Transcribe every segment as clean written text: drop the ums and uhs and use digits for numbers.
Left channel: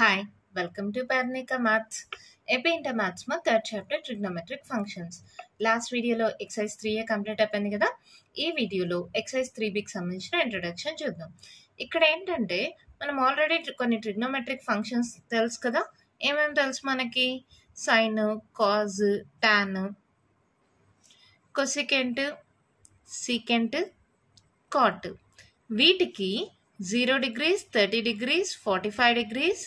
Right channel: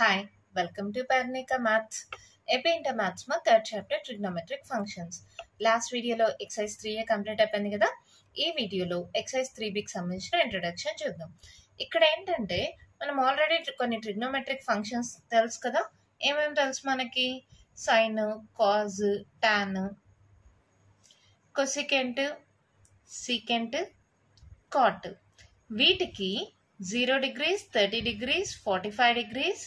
Hi, welcome to Parnika Maths. AP Inter Maths మా third chapter trigonometric functions. Last వీడియోలో excise 3A complete అయిపోయింది కదా. ఈ వీడియోలో ఎక్సైజ్ 3Bకి సంబంధించిన ఇంట్రొడక్షన్ చూద్దాం. ఇక్కడ ఏంటంటే మనం ఆల్రెడీ కొన్ని ట్రిగ్నోమెట్రిక్ ఫంక్షన్స్ తెలుసు కదా. ఏమేమి తెలుసు మనకి? Sine, cos, tan, cosecant, secant, cot. వీటికి 0 degrees, 30 degrees, 45 degrees,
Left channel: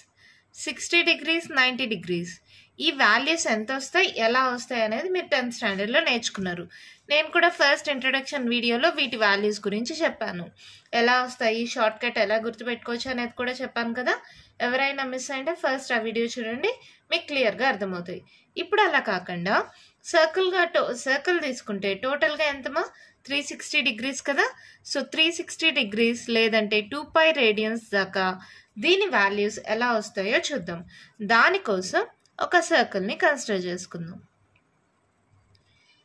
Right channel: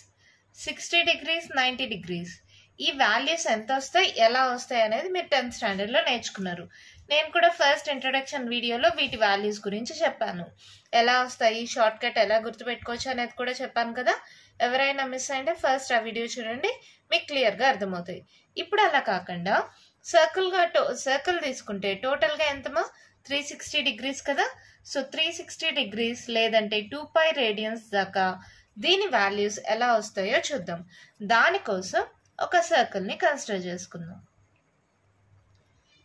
60 degrees, 90 degrees ఈ వాల్యూస్ ఎంత వస్తాయి, ఎలా వస్తాయి అనేది మీరు 10th స్టాండర్డ్లో నేర్చుకున్నారు. నేను కూడా ఫస్ట్ ఇంట్రొడక్షన్ వీడియోలో వీటి వాల్యూస్ గురించి చెప్పాను. ఎలా వస్తాయి, షార్ట్ కట్ ఎలా గుర్తుపెట్టుకోవచ్చు అనేది కూడా చెప్పాను కదా. ఎవరైనా మిస్ అయితే ఫస్ట్ ఆ వీడియో చూడండి, మీకు క్లియర్గా అర్థమవుతాయి. ఇప్పుడు అలా కాకుండా సర్కిల్ తీసుకుంటే టోటల్గా ఎంతమా 360 degrees కదా. సో 360 degrees లేదంటే 2π రేడియన్స్ దాకా దీని వాల్యూస్ ఎలా వస్తాయో చూద్దాం. దానికోసం ఒక సర్కిల్ని కన్సిడర్ చేసుకుందాం.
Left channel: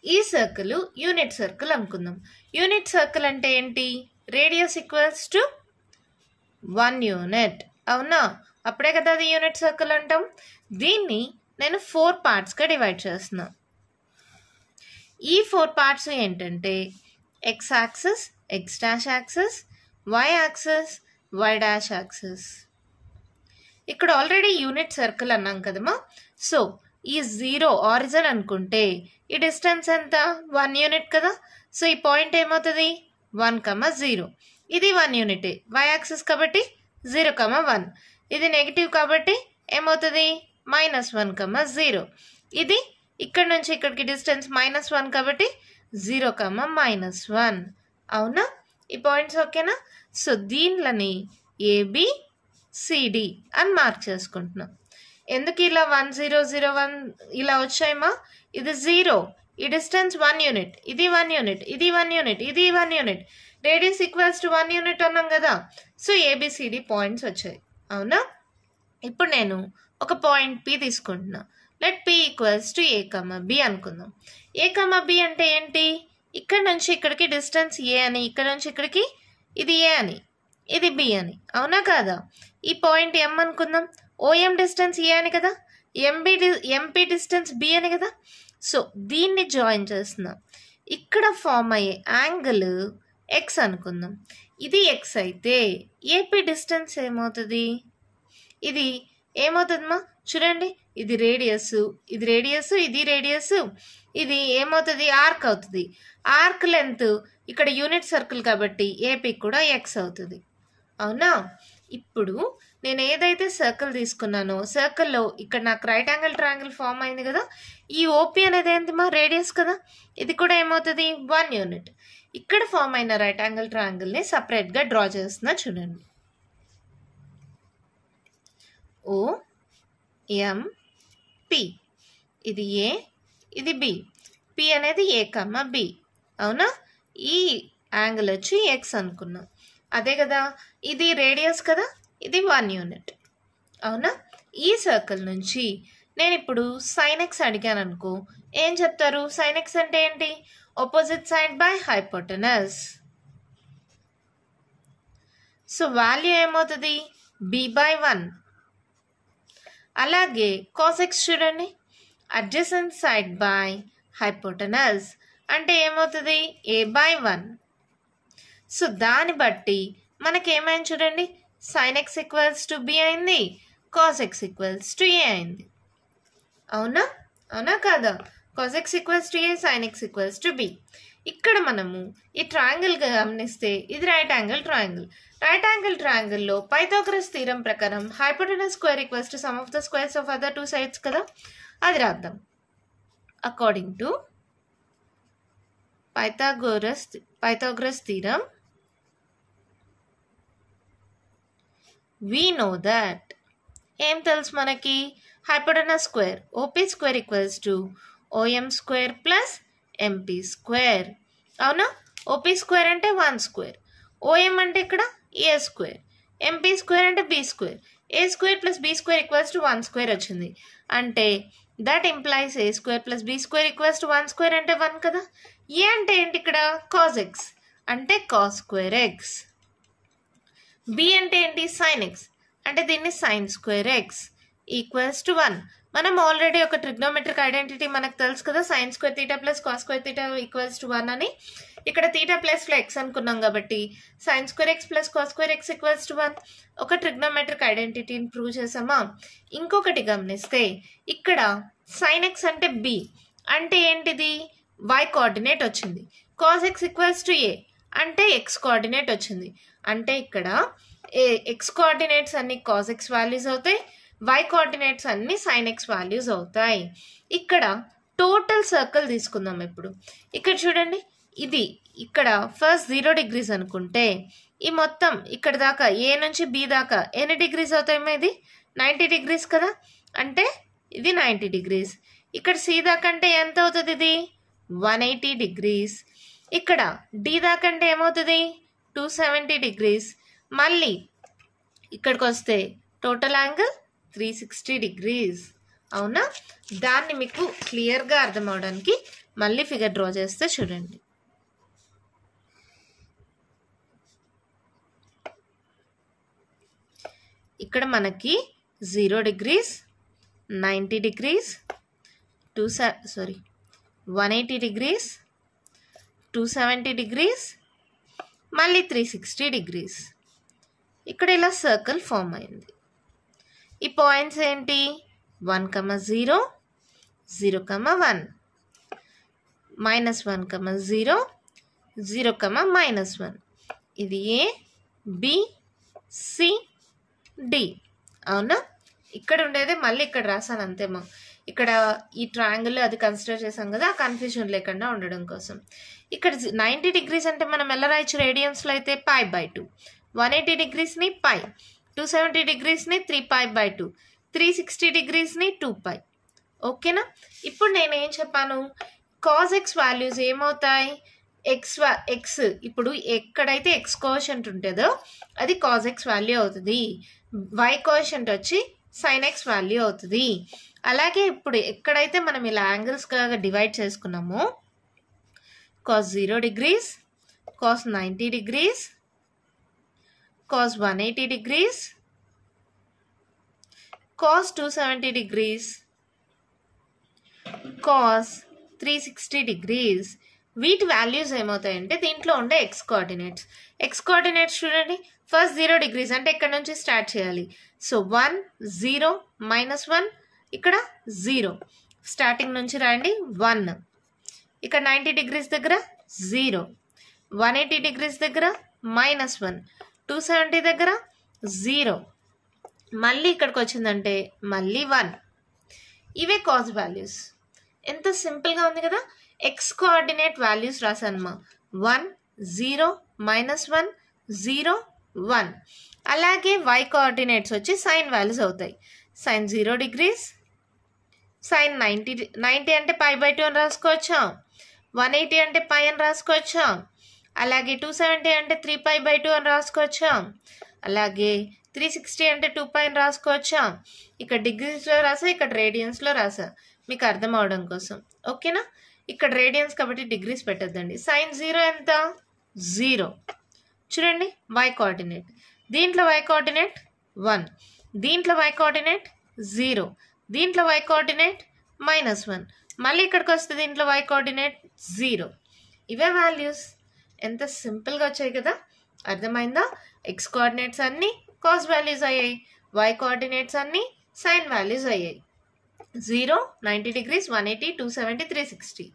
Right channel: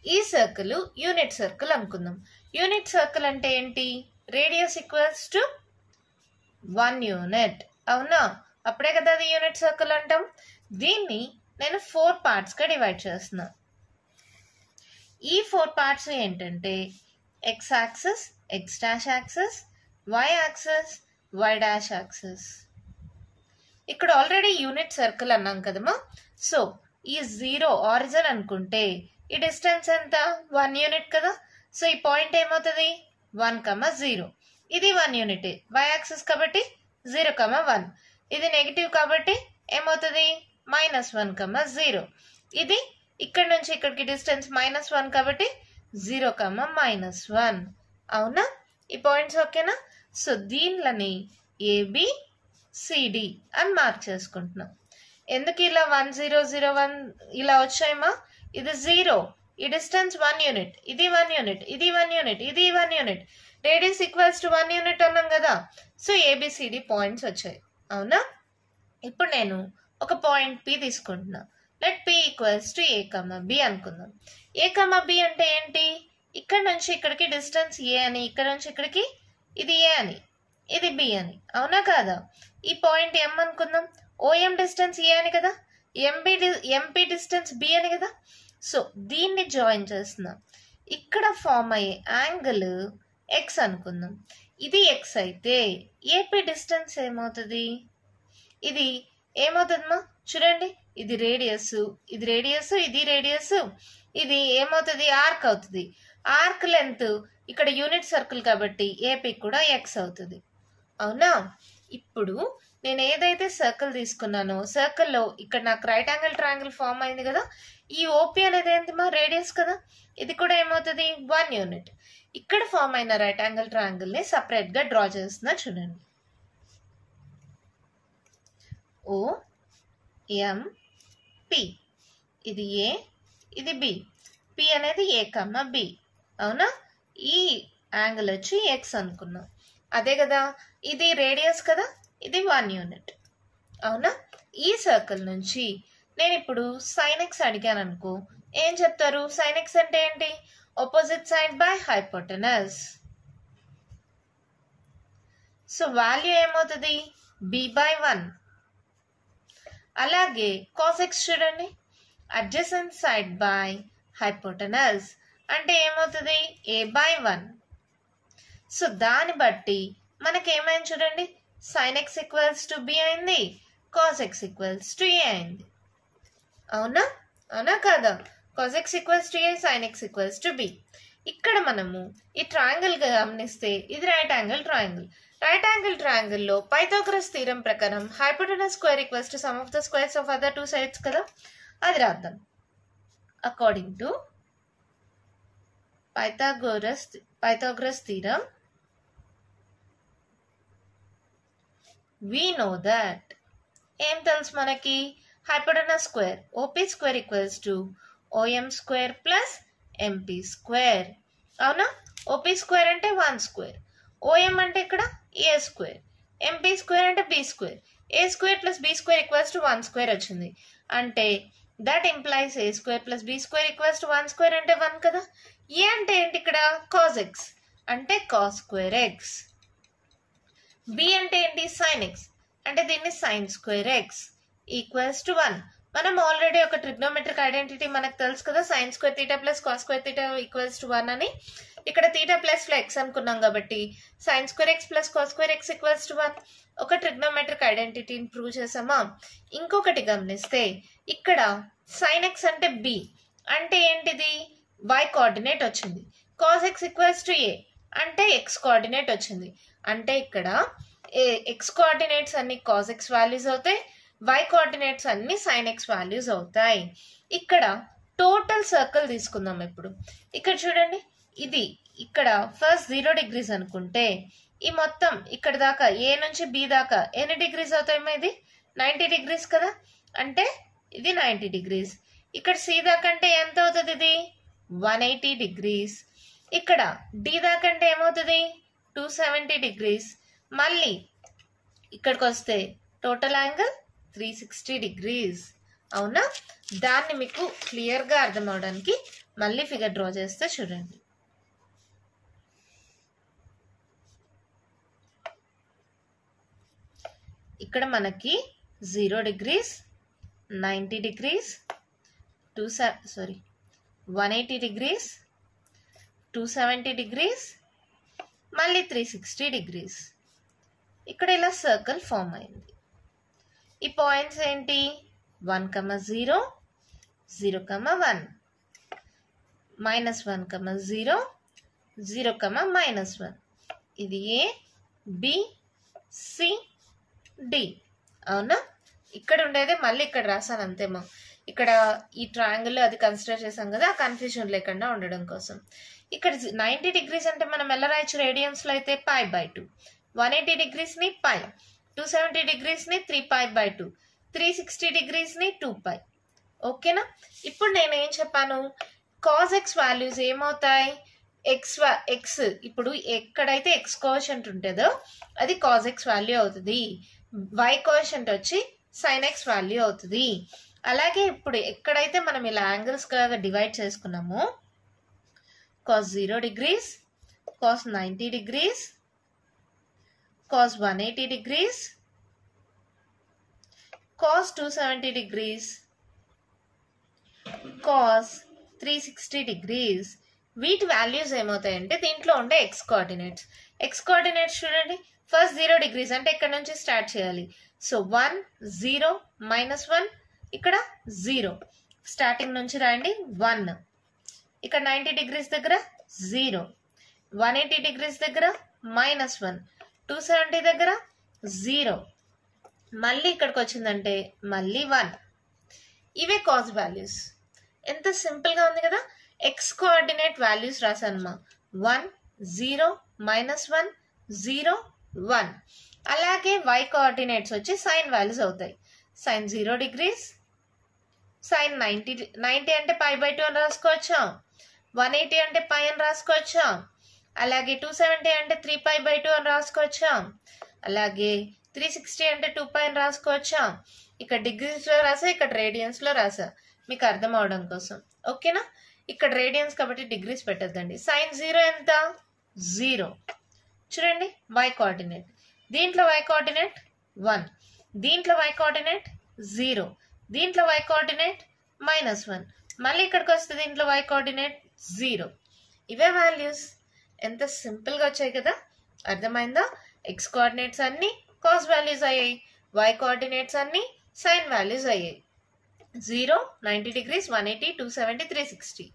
ఈ సర్కిల్ యూనిట్ సర్కిల్ అనుకుందాం. యూనిట్ సర్కిల్ అంటే ఏంటి? Radius equals to 1 unit. అవునా? అప్పుడే కదా అది యూనిట్ సర్కిల్ అంటాం. దీన్ని నేను 4 పార్ట్స్గా డివైడ్ చేస్తున్నా. ఈ 4 పార్ట్స్ ఏంటంటే x axis, x dash axis, y axis, y dash axis. ఇక్కడ ఆల్రెడీ యూనిట్ సర్కిల్ అన్నాం కదమ్మా. సో ఈ 0 ఆరిజిన్ అనుకుంటే ఈ డిస్టెన్స్ ఎంత? 1 యూనిట్ కదా. సో ఈ పాయింట్ ఏమవుతుంది? 1,0. ఇది 1 యూనిట్. వై యాక్సిస్ కాబట్టి 0,1. ఇది నెగిటివ్ కాబట్టి ఏమవుతుంది? -1,0. ఇది ఇక్కడ నుంచి ఇక్కడికి డిస్టెన్స్ -1 కాబట్టి 0,-1. అవునా? ఈ పాయింట్స్ ఓకేనా? సో దీనిలని ABCD అని మార్క్ చేసుకుంటున్నాం. ఎందుకు ఇలా 1 0 0 1 ఇలా వచ్చాయమ్మా? ఇది 0, ఈ డిస్టెన్స్ 1 యూనిట్, ఇది 1 యూనిట్, ఇది 1 యూనిట్, ఇది 1 unit, radius equals to 1 unit అన్నాం కదా. సో ABCD పాయింట్స్ వచ్చాయి. అవునా? ఇప్పుడు నేను ఒక పాయింట్ P తీసుకుంటున్నా. Let P equals to A, B అనుకుందాం. A, B అంటే ఏంటి? ఇక్కడ నుంచి ఇక్కడికి డిస్టెన్స్ A అని, ఇక్కడ నుంచి ఇక్కడికి ఇది A అని, ఇది B అని. అవునా కాదా? ఈ పాయింట్ M అనుకుందాం. OM డిస్టెన్స్ A అని కదా, MP డిస్టెన్స్ B అని కదా. సో దీన్ని జాయిన్ చేస్తున్నాం. ఇక్కడ ఫామ్ అయ్యే యాంగిల్ X అనుకుందాం. ఇది X అయితే AP డిస్టెన్స్ ఏమవుతుంది? ఇది ఏమవుతుందమ్మా? చూడండి, ఇది రేడియస్, ఇది రేడియస్, ఇది రేడియస్, ఇది ఏమవుతుంది? ఆర్క్ అవుతుంది. ఆర్క్ లెంత్ ఇక్కడ యూనిట్ సర్కిల్ కాబట్టి ఏపీ కూడా X అవుతుంది. అవునా? ఇప్పుడు నేను ఏదైతే సర్కిల్ తీసుకున్నానో సర్కిల్లో ఇక్కడ నాకు రైట్ యాంగిల్ ట్రయాంగిల్ ఫామ్ అయింది కదా. ఈ ఓపీ అనేది ఏంటిమా? రేడియస్ కదా. ఇది కూడా ఏమవుతుంది? 1 యూనిట్. ఇక్కడ ఫామ్ అయిన రైట్ యాంగిల్ ట్రయాంగిల్ని సపరేట్గా డ్రా చేస్తున్నా. చూడండి, OMP. ఇది A, ఇది B. P అనేది A, B. అవునా? ఈ యాంగిల్ వచ్చి X అనుకున్నాం. అదే కదా, ఇది రేడియస్ కదా, ఇది 1 యూనిట్. అవునా? ఈ సర్కిల్ నుంచి నేను ఇప్పుడు సైన్ ఎక్స్ అడిగాను అనుకో, ఏం చెప్తారు? సైన్ ఎక్స్ అంటే ఏంటి? Opposite side by hypotenuse. So value ఏమవుతుంది? B/1. అలాగే కాస్ ఎక్స్ చూడండి, అడ్జసెంట్ సైడ్ బై హైపోటెనస్ అంటే ఏమవుతుంది? A/1. సో దాన్ని బట్టి మనకేమైంది చూడండి, sine x equals to B అయింది, cos x equals to A అయింది. అవునా? అవునా కాదా? Cos x equals to A, sine x equals to B. ఇక్కడ మనము ఈ ట్రయాంగిల్ గమనిస్తే ఇది right angle triangle. Right angle ట్రయాంగిల్లో పైథాగరస్ థీరం ప్రకారం hypotenuse square equals to some of the squares of other 2 sides కదా. అది రాద్దాం. According to Pythagoras theorem, we know that ఏం తెలుసు మనకి? Hypotenuse square OP square equals to OM square plus MP square. అవునా? OP square అంటే 1 square, OM అంటే ఇక్కడ A స్క్వేర్, MP స్క్వేర్ అంటే B square. A square plus B square equals to 1 square వచ్చింది. అంటే that implies A square plus B square equals to 1 square అంటే 1 కదా. ఏ అంటే ఏంటి? ఇక్కడ కాస్ ఎక్స్ అంటే కాస్ స్క్వేర్ ఎక్స్. B అంటే ఏంటి? Sign x. అంటే దీన్ని sin square x equals to 1. మనం ఆల్రెడీ ఒక ట్రిగ్నోమెట్రిక్ ఐడెంటిటీ మనకు తెలుసు కదా, sin square theta plus cos square theta equals to 1 అని. ఇక్కడ theta ప్లస్లో x అనుకున్నాం కాబట్టి sin square x plus cos square x equals to 1. ఒక ట్రిగ్నోమెట్రిక్ ఐడెంటిటీని ప్రూవ్ చేసామా. ఇంకొకటి గమనిస్తే ఇక్కడ sin x అంటే b అంటే ఏంటిది, y కోఆర్డినేట్ వచ్చింది. cos x equals to a అంటే x కోఆర్డినేట్ వచ్చింది. అంటే ఇక్కడ x కోఆర్డినేట్స్ అన్ని cos x వాల్యూస్ అవుతాయి, y కోఆర్డినేట్స్ అన్ని sin x వాల్యూస్ అవుతాయి. ఇక్కడ టోటల్ సర్కిల్ తీసుకుందాం. ఇప్పుడు ఇక్కడ చూడండి, ఇది ఇక్కడ ఫస్ట్ 0 degrees అనుకుంటే ఈ మొత్తం ఇక్కడ దాకా a నుంచి b దాకా ఎన్ని డిగ్రీస్ అవుతాయేమో, ఇది 90 degrees కదా, అంటే ఇది 90 degrees. ఇక్కడ c దాకా అంటే ఎంత అవుతుంది, ఇది 180 degrees. ఇక్కడ d దాకా అంటే ఏమవుతుంది 270 degrees. మళ్ళీ ఇక్కడికి వస్తే టోటల్ యాంగిల్ 360 degrees. అవునా, దాన్ని మీకు క్లియర్గా అర్థం అవడానికి మళ్ళీ ఫిగర్ డ్రా చేస్తే చూడండి. ఇక్కడ మనకి 0 degrees, 90 degrees, 180 degrees, 270 degrees, మళ్ళీ 360 degrees. ఇక్కడ ఇలా సర్కిల్ ఫామ్ అయింది. ఈ పాయింట్స్ ఏంటి, 1, 0, 0, 1, -1, 0, 0, -1. ఇది A, B, C, D. అవునా, ఇక్కడ ఉండేదే మళ్ళీ ఇక్కడ రాసాను అంతేమో. ఇక్కడ ఈ ట్రయాంగిల్ అది కన్సిడర్ చేసాం కదా, కన్ఫ్యూజన్ లేకుండా ఉండడం కోసం. ఇక్కడ 90 degrees అంటే మనం ఎలా రాయొచ్చు, రేడియన్స్లో అయితే π/2, 180 degrees ని π, 270 degrees ని 3π/2, 360 degrees ని 2π. ఓకేనా. ఇప్పుడు నేను ఏం చెప్పాను, cos x వాల్యూస్ ఏమవుతాయి, x ఇప్పుడు ఎక్కడైతే x కోఎఫిషియంట్ ఉంటుందో అది cos x వాల్యూ అవుతుంది, y కోఎఫిషియంట్ వచ్చి sin x వాల్యూ అవుతుంది. అలాగే ఇప్పుడు ఎక్కడైతే మనం ఇలా యాంగిల్స్గా డివైడ్ చేసుకున్నామో cos 0 degrees, cos 90 degrees, cos 180 degrees, cos 270 degrees, cos 360 degrees. వీటి వాల్యూస్ ఏమవుతాయంటే దీంట్లో ఉండే x కోఆర్డినేట్స్ చూడండి. ఫస్ట్ 0 degrees అంటే ఇక్కడ నుంచి స్టార్ట్ చేయాలి. సో 1, 0, -1, ఇక్కడ 0, స్టార్టింగ్ నుంచి రాయండి 1. ఇక్కడ 90 degrees దగ్గర 0, 180 degrees దగ్గర -1, 270 దగ్గర 0, మళ్ళీ ఇక్కడికి వచ్చిందంటే మళ్ళీ 1. ఇవే కాస్ వాల్యూస్. ఎంత సింపుల్గా ఉంది కదా. ఎక్స్ కోఆర్డినేట్ వాల్యూస్ రాసానమ్మా, 1, 0, -1, 0, 1. అలాగే y కోఆర్డినేట్స్ వచ్చి సైన్ వాల్యూస్ అవుతాయి. sin 0 degrees, sin 90 అంటే π/2 అని రాసుకోవచ్చా, 180 అంటే π అని రాసుకోవచ్చా, అలాగే 270 అంటే 3π/2 అని రాసుకోవచ్చా, అలాగే 360 అంటే 2π అని రాసుకోవచ్చా. ఇక్కడ డిగ్రీస్లో రాసా, ఇక్కడ రేడియన్స్లో రాసా మీకు అర్థం అవడం కోసం. ఓకేనా. ఇక్కడ రేడియన్స్ కాబట్టి డిగ్రీస్ పెట్టద్దండి. sin 0 ఎంత, 0. చూడండి y కోఆర్డినేట్, దీంట్లో y కోఆర్డినేట్ 1, దీంట్లో y కోఆర్డినేట్ 0, దీంట్లో y కోఆర్డినేట్ -1, మళ్ళీ ఇక్కడికి వస్తే దీంట్లో y కోఆర్డినేట్ 0. ఇవే వాల్యూస్. ఎంత సింపుల్గా వచ్చాయి కదా, అర్థమైందా. x కోఆర్డినేట్స్ అన్నీ కాస్ వాల్యూస్ అయ్యాయి, y కోఆర్డినేట్స్ అన్నీ సైన్ వాల్యూస్ అయ్యాయి. 0, 90 degrees, 180, 270, 360.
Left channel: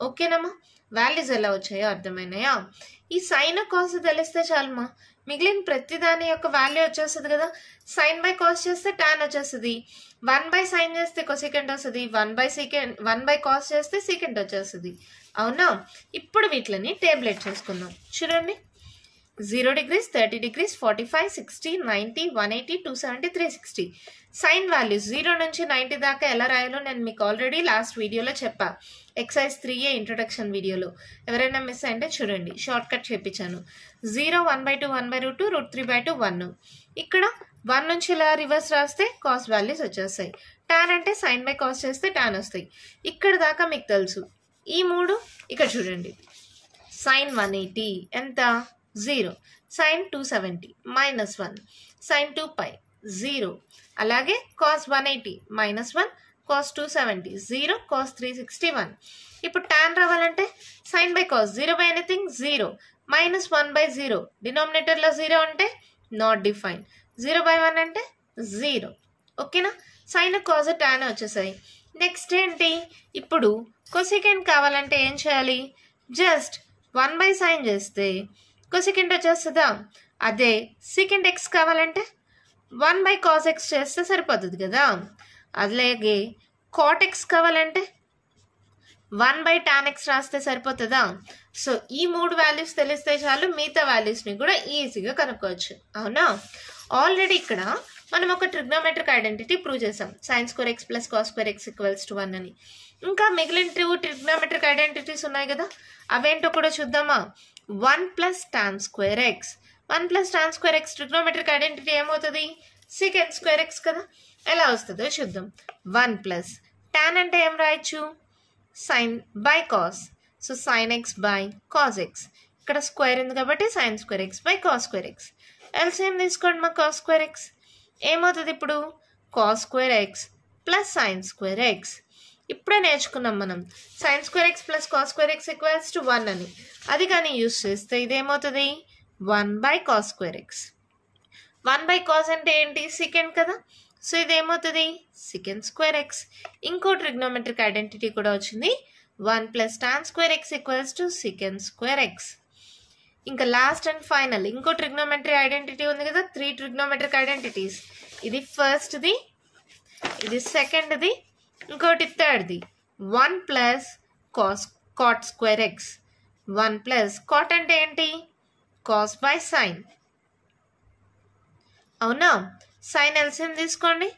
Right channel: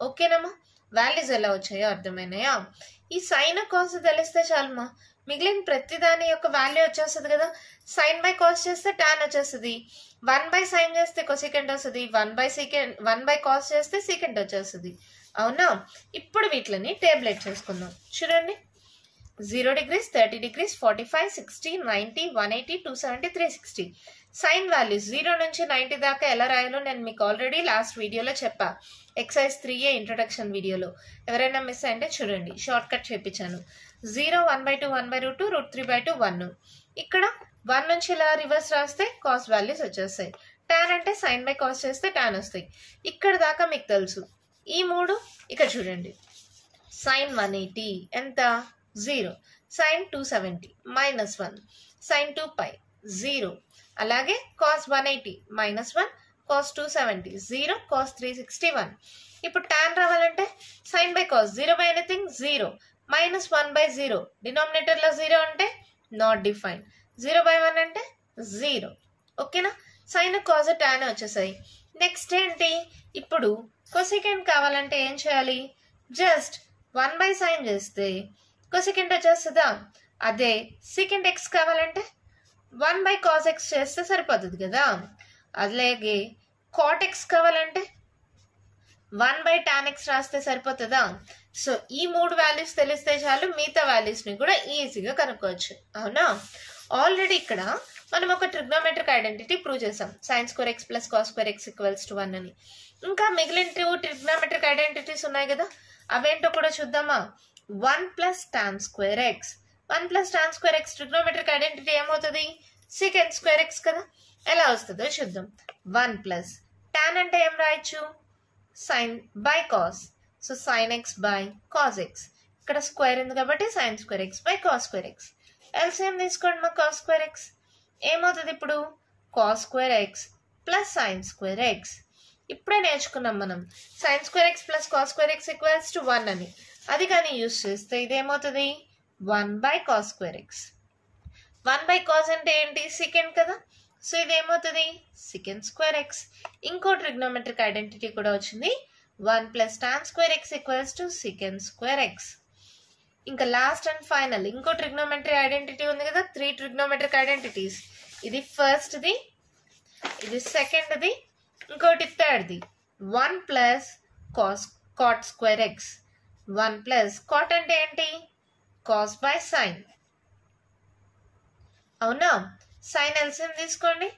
ఓకేనమ్మా. వాల్యూస్ ఎలా వచ్చాయో అర్థమైనాయా. ఈ సైన్ కాస్ తెలిస్తే చాలమ్మా, మిగిలిన ప్రతి దాని యొక్క వాల్యూ వచ్చేస్తుంది కదా. సైన్ బై కాస్ చేస్తే టాన్ వచ్చేస్తుంది, 1/sin చేస్తే కొసెకంట్ వస్తుంది, 1/cos చేస్తే సీకెంట్ వచ్చేస్తుంది. అవునా. ఇప్పుడు వీటిని టేబులేట్ చేసుకుందాం. చూడండి, 0 degrees, 30 degrees, 45, 60, 90, 180, 270, 360. సైన్ వాల్యూస్ 0 నుంచి 90 దాకా ఎలా రాయాలో నేను మీకు ఆల్రెడీ లాస్ట్ వీడియోలో చెప్పా, ఎక్సైజ్ 3A ఇంట్రొడక్షన్ వీడియోలో. ఎవరైనా మిస్ అంటే చూడండి, షార్ట్ కట్ చేపించాను. 0, 1/2, 1/2, √3/2, 1. ఇక్కడ 1 నుంచి ఇలా రివర్స్ రాస్తే కాస్ వాల్యూస్ వచ్చేస్తాయి. టాన్ అంటే సైన్ బై కాస్ చేస్తే టాన్ వస్తాయి. ఇక్కడ దాకా మీకు తెలుసు. ఈ 3 ఇక్కడ చూడండి, sin 180 ఎంత, 0, sin 270 -1, sin 2π 0. అలాగే cos 180 -1, cos 270 0, cos 361. ఇప్పుడు tan రావాలంటే sin by cos 0 by anything 0, -1 by 0, డినామినేటర్లో 0 అంటే నాట్ డిఫైన్, 0 by 1 అంటే 0. ఓకేనా, sin cos tan వచ్చేసాయి. నెక్స్ట్ ఏంటి, ఇప్పుడు కొసికెంట్ కావాలంటే ఏం చేయాలి, జస్ట్ 1 by sin చేస్తే కొసికెంట్ వచ్చేస్తుందా. అదే సీకెంట్ x కావాలంటే 1 by cos x చేస్తే సరిపోతుంది కదా. అలాగే cot x కావాలంటే 1 by tan x రాస్తే సరిపోతుందా. సో ఈ 3 వాల్యూస్ తెలిస్తే చాలు, మిగతా వాల్యూస్ని కూడా ఈజీగా కనుక్కోవచ్చు. అవునా, ఆల్రెడీ ఇక్కడ మనం ఒక ట్రిగ్నోమెట్రిక్ ఐడెంటిటీ ప్రూవ్ చేసాం, sin square x plus cos square x = 1 అని. ఇంకా మిగిలిన 2 ట్రిగ్నోమెట్రిక్ ఐడెంటిటీస్ ఉన్నాయి కదా, అవేంటో కూడా చూద్దామా. 1 plus tan square x, 1 plus tan square x trigonometric identity ఏమవుతుంది, secant square x కదా. ఎలా వస్తుందో చూద్దాం. 1 plus tan అంటే ఏం రాయొచ్చు, sin by cos, so sin x by cos x. ఇక్కడ స్క్వేర్ ఉంది కాబట్టి sin square x by cos square x. LCM తీసుకోండి మా cos square x ఏమవుతుంది, ఇప్పుడు cos square x plus sin square x. ఇప్పుడే నేర్చుకున్నాం మనం sin square x plus cos square x = 1 అని. అది కానీ యూజ్ చేస్తే ఇదేమవుతుంది, 1 by cos square x. 1 by cos అంటే ఏంటి, secant కదా. సో ఇదేమవుతుంది secant square x. ఇంకో ట్రిగ్నోమెట్రిక్ ఐడెంటిటీ కూడా వచ్చింది, 1 plus tan square x = secant square x. ఇంకా లాస్ట్ అండ్ ఫైనల్ ఇంకో ట్రిగ్నోమెట్రీ ఐడెంటిటీ ఉంది కదా, 3 ట్రిగ్నోమెట్రిక్ ఐడెంటిటీస్. ఇది ఫస్ట్ది, ఇది సెకండ్ది, ఇంకోటి థర్డ్ది. 1 plus cot square x. 1 plus cot అంటే ఏంటి, cos by sin. అవునా, sin ఎల్సిఎం తీసుకోండి,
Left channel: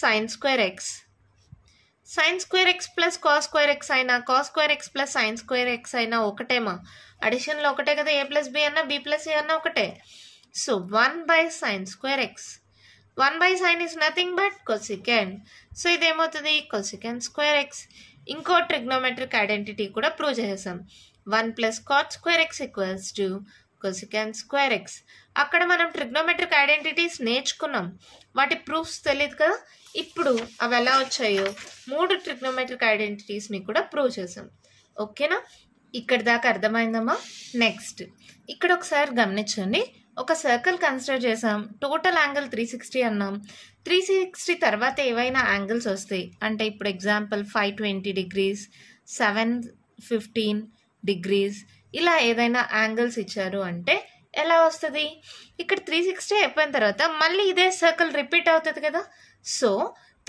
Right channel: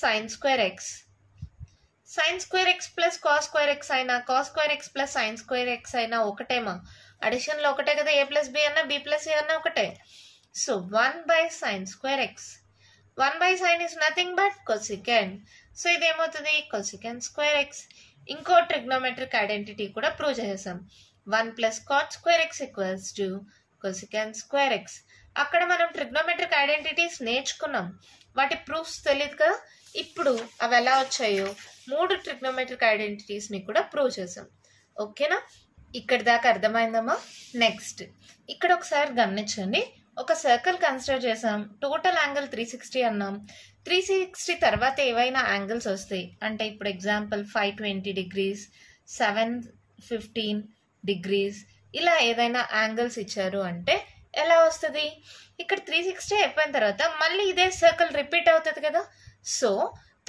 sin square x. sin square x plus cos square x అయినా cos square x plus sin square x అయినా ఒకటేమా, అడిషన్లో ఒకటే కదా, a plus b అన్నా b plus a అన్నా ఒకటే. So 1 by sin square x. 1 by sin is nothing but cosecant. So ఇదేమవుతుంది cosecant square x. ఇంకో trigonometric identity కూడా ప్రూవ్ చేసేసాం, 1 plus cot square x = cosecant square x. అక్కడ మనం ట్రిగ్నోమెట్రిక్ ఐడెంటిటీస్ నేర్చుకున్నాం, వాటి ప్రూఫ్స్ తెలియదు కదా. ఇప్పుడు అవి ఎలా వచ్చాయో 3 ట్రిగ్నోమెట్రిక్ ఐడెంటిటీస్ని కూడా ప్రూవ్ చేసాం. ఓకేనా, ఇక్కడ దాకా అర్థమైందమ్మా. నెక్స్ట్ ఇక్కడ ఒకసారి గమనించండి, ఒక సర్కిల్ కన్సిడర్ చేసాం, టోటల్ యాంగిల్ 360 అన్నాం. 360 తర్వాత ఏవైనా యాంగిల్స్ వస్తాయి అంటే, ఇప్పుడు ఎగ్జాంపుల్ 520 degrees, 715 degrees, ఇలా ఏదైనా యాంగిల్స్ ఇచ్చారు అంటే ఎలా వస్తుంది, ఇక్కడ 360 అయిపోయిన తర్వాత మళ్ళీ ఇదే సర్కిల్ రిపీట్ అవుతుంది కదా. సో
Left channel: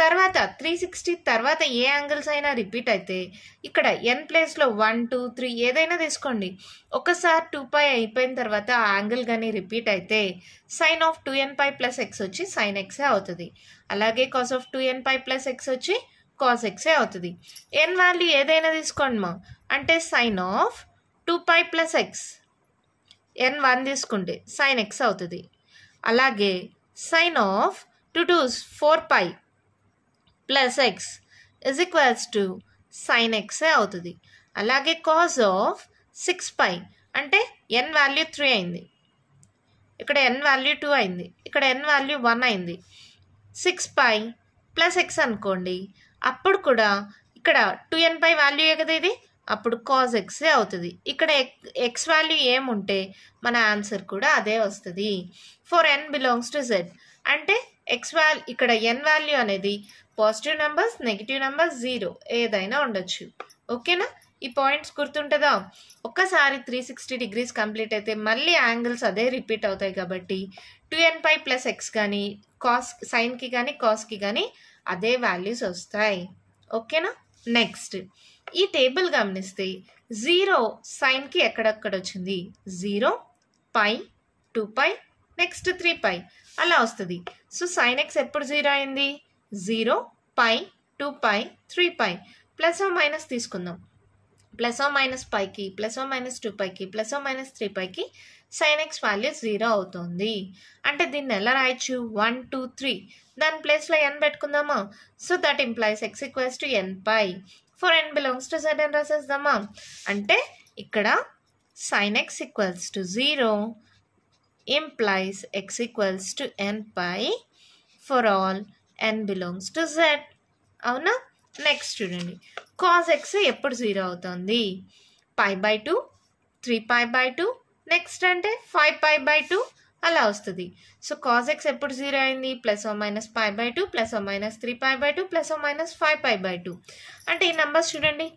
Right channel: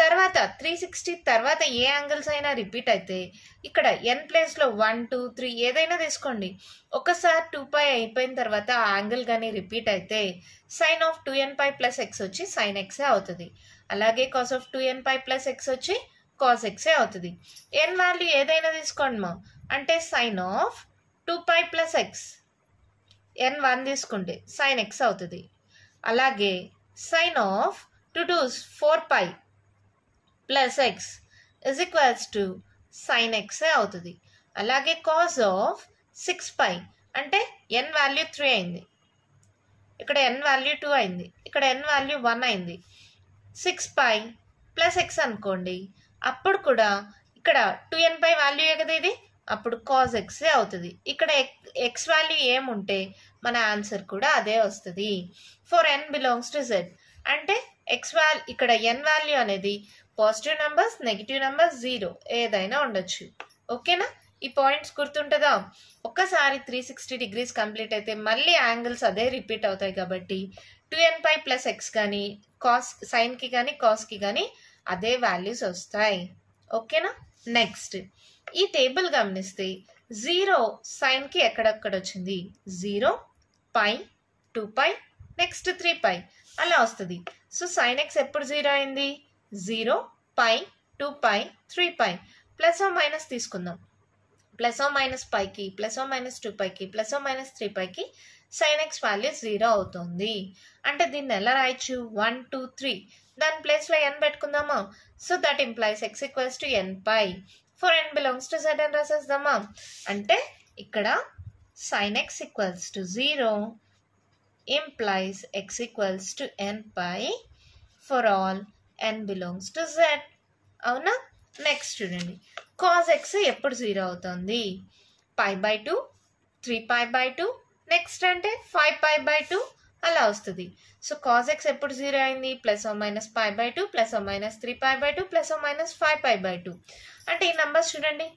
తర్వాత 360 తర్వాత ఏ యాంగిల్స్ అయినా రిపీట్ అయితే ఇక్కడ n ప్లేస్లో 1, 2, 3 ఏదైనా తీసుకోండి. ఒకసారి 2π అయిపోయిన తర్వాత ఆ యాంగిల్ కానీ రిపీట్ అయితే sin of 2nπ plus x వచ్చి sin x అవుతుంది. అలాగే cos of 2nπ plus x వచ్చి cos x అవుతుంది. n వాల్యూ ఏదైనా తీసుకోండి మా, అంటే sin of 2π plus x, n 1 తీసుకుంటే sin x అవుతుంది. అలాగే sin of 2 2s 4π plus x = sin x అవుతుంది. అలాగే cos of 6π అంటే n వాల్యూ 3 అయింది, ఇక్కడ n వాల్యూ 2 అయింది, ఇక్కడ n వాల్యూ 1 అయింది. 6π plus x అనుకోండి, అప్పుడు కూడా ఇక్కడ 2nπ వాల్యూ కదా ఇది, అప్పుడు cos x అవుతుంది. ఇక్కడ x వాల్యూ ఏముంటే మన ఆన్సర్ కూడా అదే వస్తుంది. For n belongs to z అంటే x వాల్యూ, ఇక్కడ n వాల్యూ అనేది పాజిటివ్ నెంబర్స్, నెగిటివ్ నెంబర్స్, 0 ఏదైనా ఉండొచ్చు. ఓకేనా, ఈ పాయింట్స్ గుర్తుంటుందా. ఒక్కసారి 360 degrees కంప్లీట్ అయితే మళ్ళీ యాంగిల్స్ అదే రిపీట్ అవుతాయి కాబట్టి 2nπ plus x కానీ కాస్ సైన్కి కానీ కాస్కి కానీ అదే వాల్యూస్ వస్తాయి. ఓకేనా, నెక్స్ట్ ఈ టేబుల్ గమనిస్తే 0 సైన్కి ఎక్కడెక్కడ వచ్చింది, 0, π, 2π, నెక్స్ట్ 3π అలా వస్తుంది. సో sin x ఎప్పుడు 0 అయింది, 0, π, 2π, 3π. ప్లస్ ఓ మైనస్ తీసుకుందాం, ప్లస్ ఓ మైనస్ పైకి, plus O minus 2πకి, plus O minus 3πకి sin x value 0 అవుతుంది. అంటే దీన్ని ఎలా రాయొచ్చు, 1, 2, 3 దాని ప్లేస్లో n పెట్టుకుందామా. So that implies x = nπ. For n belongs to z అని రాసేద్దామా. అంటే ఇక్కడ sin x = 0 implies x = nπ for all n belongs to z. అవునా? నెక్స్ట్ చూడండి, కాస్ ఎక్స్ ఎప్పుడు 0 అవుతుంది? π/2, 3π/2, నెక్స్ట్ అంటే 5π/2 అలా వస్తుంది. సో కాస్ ఎక్స్ ఎప్పుడు 0 అయింది? +or-π/2 +or- 3π/2 +or- 5π/2. అంటే ఈ నెంబర్స్ చూడండి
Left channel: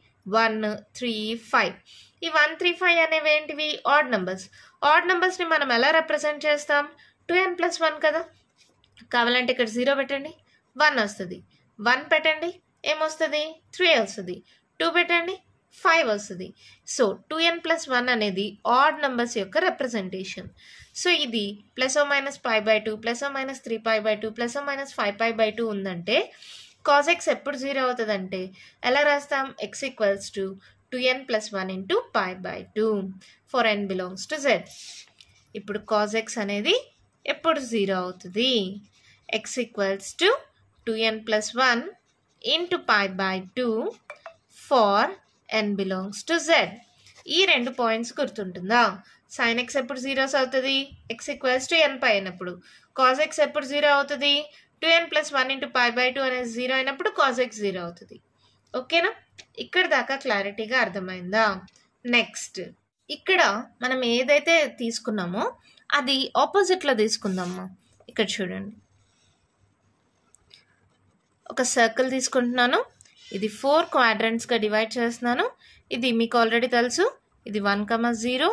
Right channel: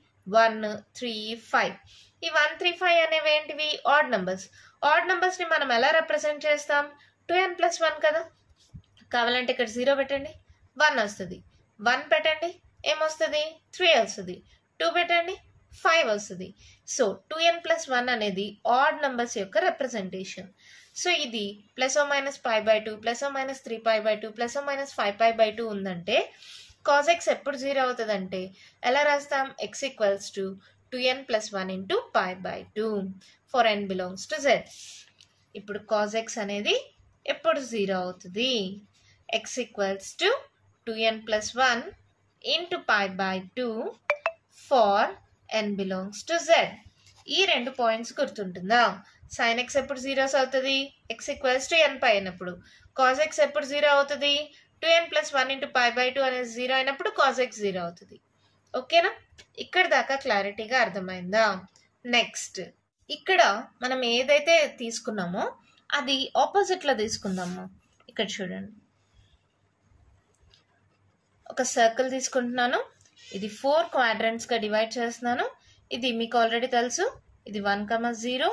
1, 3, 5. ఈ 1, 3, 5 అనేవి ఏంటివి? Odd numbers. ఆడ్ నెంబర్స్ని మనం ఎలా రిప్రజెంట్ చేస్తాం? 2n + 1 కదా. కావాలంటే ఇక్కడ 0 పెట్టండి, 1 వస్తుంది. 1 పెట్టండి, ఏమొస్తుంది? 3 వస్తుంది. 2 పెట్టండి, 5 వస్తుంది. సో 2n + 1 అనేది ఆడ్ నెంబర్స్ యొక్క రిప్రజెంటేషన్. సో ఇది +or-π/2 +or- 3π/2 +or- 5π/2 ఉందంటే కాస్ ఎక్స్ ఎప్పుడు 0 అవుతుందంటే ఎలా రాస్తాం? x = 2n + 1 × π/2 for n belongs to z. ఇప్పుడు కాస్ ఎక్స్ అనేది ఎప్పుడు 0 అవుతుంది? x = 2n + 1 × π/2 for n belongs to z. ఈ 2 పాయింట్స్ గుర్తుంటుందా? sin x ఎప్పుడు 0 అవుతుంది? x = n అయినప్పుడు. cos x ఎప్పుడు 0 అవుతుంది? 2n + 1 × π/2 అనేది 0 అయినప్పుడు cos x 0 అవుతుంది. ఓకేనా? ఇక్కడ దాకా క్లారిటీగా అర్థమైందా? నెక్స్ట్ ఇక్కడ మనం ఏదైతే తీసుకున్నామో అది ఆపోజిట్లో తీసుకుందామా. ఇక్కడ చూడండి, ఒక సర్కిల్ తీసుకుంటున్నాను, ఇది 4 క్వాడ్రంట్స్గా డివైడ్ చేస్తున్నాను. ఇది మీకు ఆల్రెడీ తెలుసు, ఇది 1, 0,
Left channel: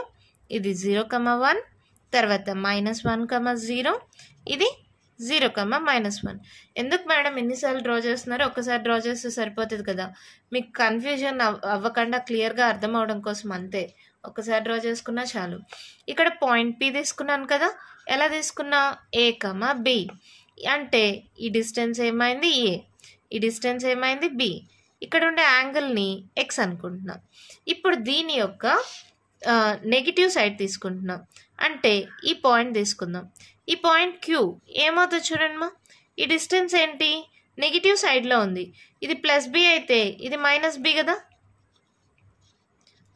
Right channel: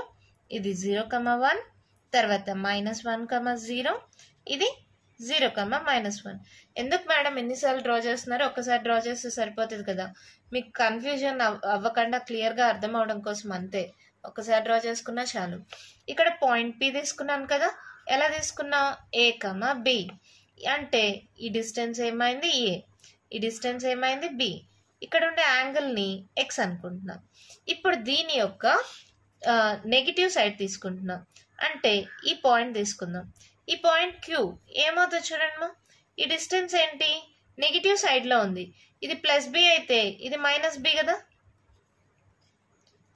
ఇది 0, 1, తర్వాత -1, 0, ఇది 0, -1. ఎందుకు మేడం ఎన్నిసార్లు డ్రా చేస్తున్నారు? ఒక్కసారి డ్రా చేస్తే సరిపోతుంది కదా. మీకు కన్ఫ్యూజన్ అవ్వకుండా క్లియర్గా అర్థం అవడం కోసం అంతే. ఒక్కసారి డ్రా చేసుకున్నా చాలు. ఇక్కడ పాయింట్ P తీసుకున్నాను కదా. ఎలా తీసుకున్నా? A, B. అంటే ఈ డిస్టెన్స్ ఏమైంది? A. ఈ డిస్టెన్స్ ఏమైంది? B. ఇక్కడ ఉండే యాంగిల్ని x అనుకుంటున్నాం. ఇప్పుడు దీని యొక్క నెగిటివ్ సైడ్ తీసుకుంటున్నాం. అంటే ఈ పాయింట్ తీసుకుందాం. ఈ పాయింట్ Q ఏమవుతుంది చూడండి మా. ఈ డిస్టెన్స్ ఏంటి? నెగిటివ్ సైడ్లో ఉంది. ఇది +b అయితే ఇది -b కదా.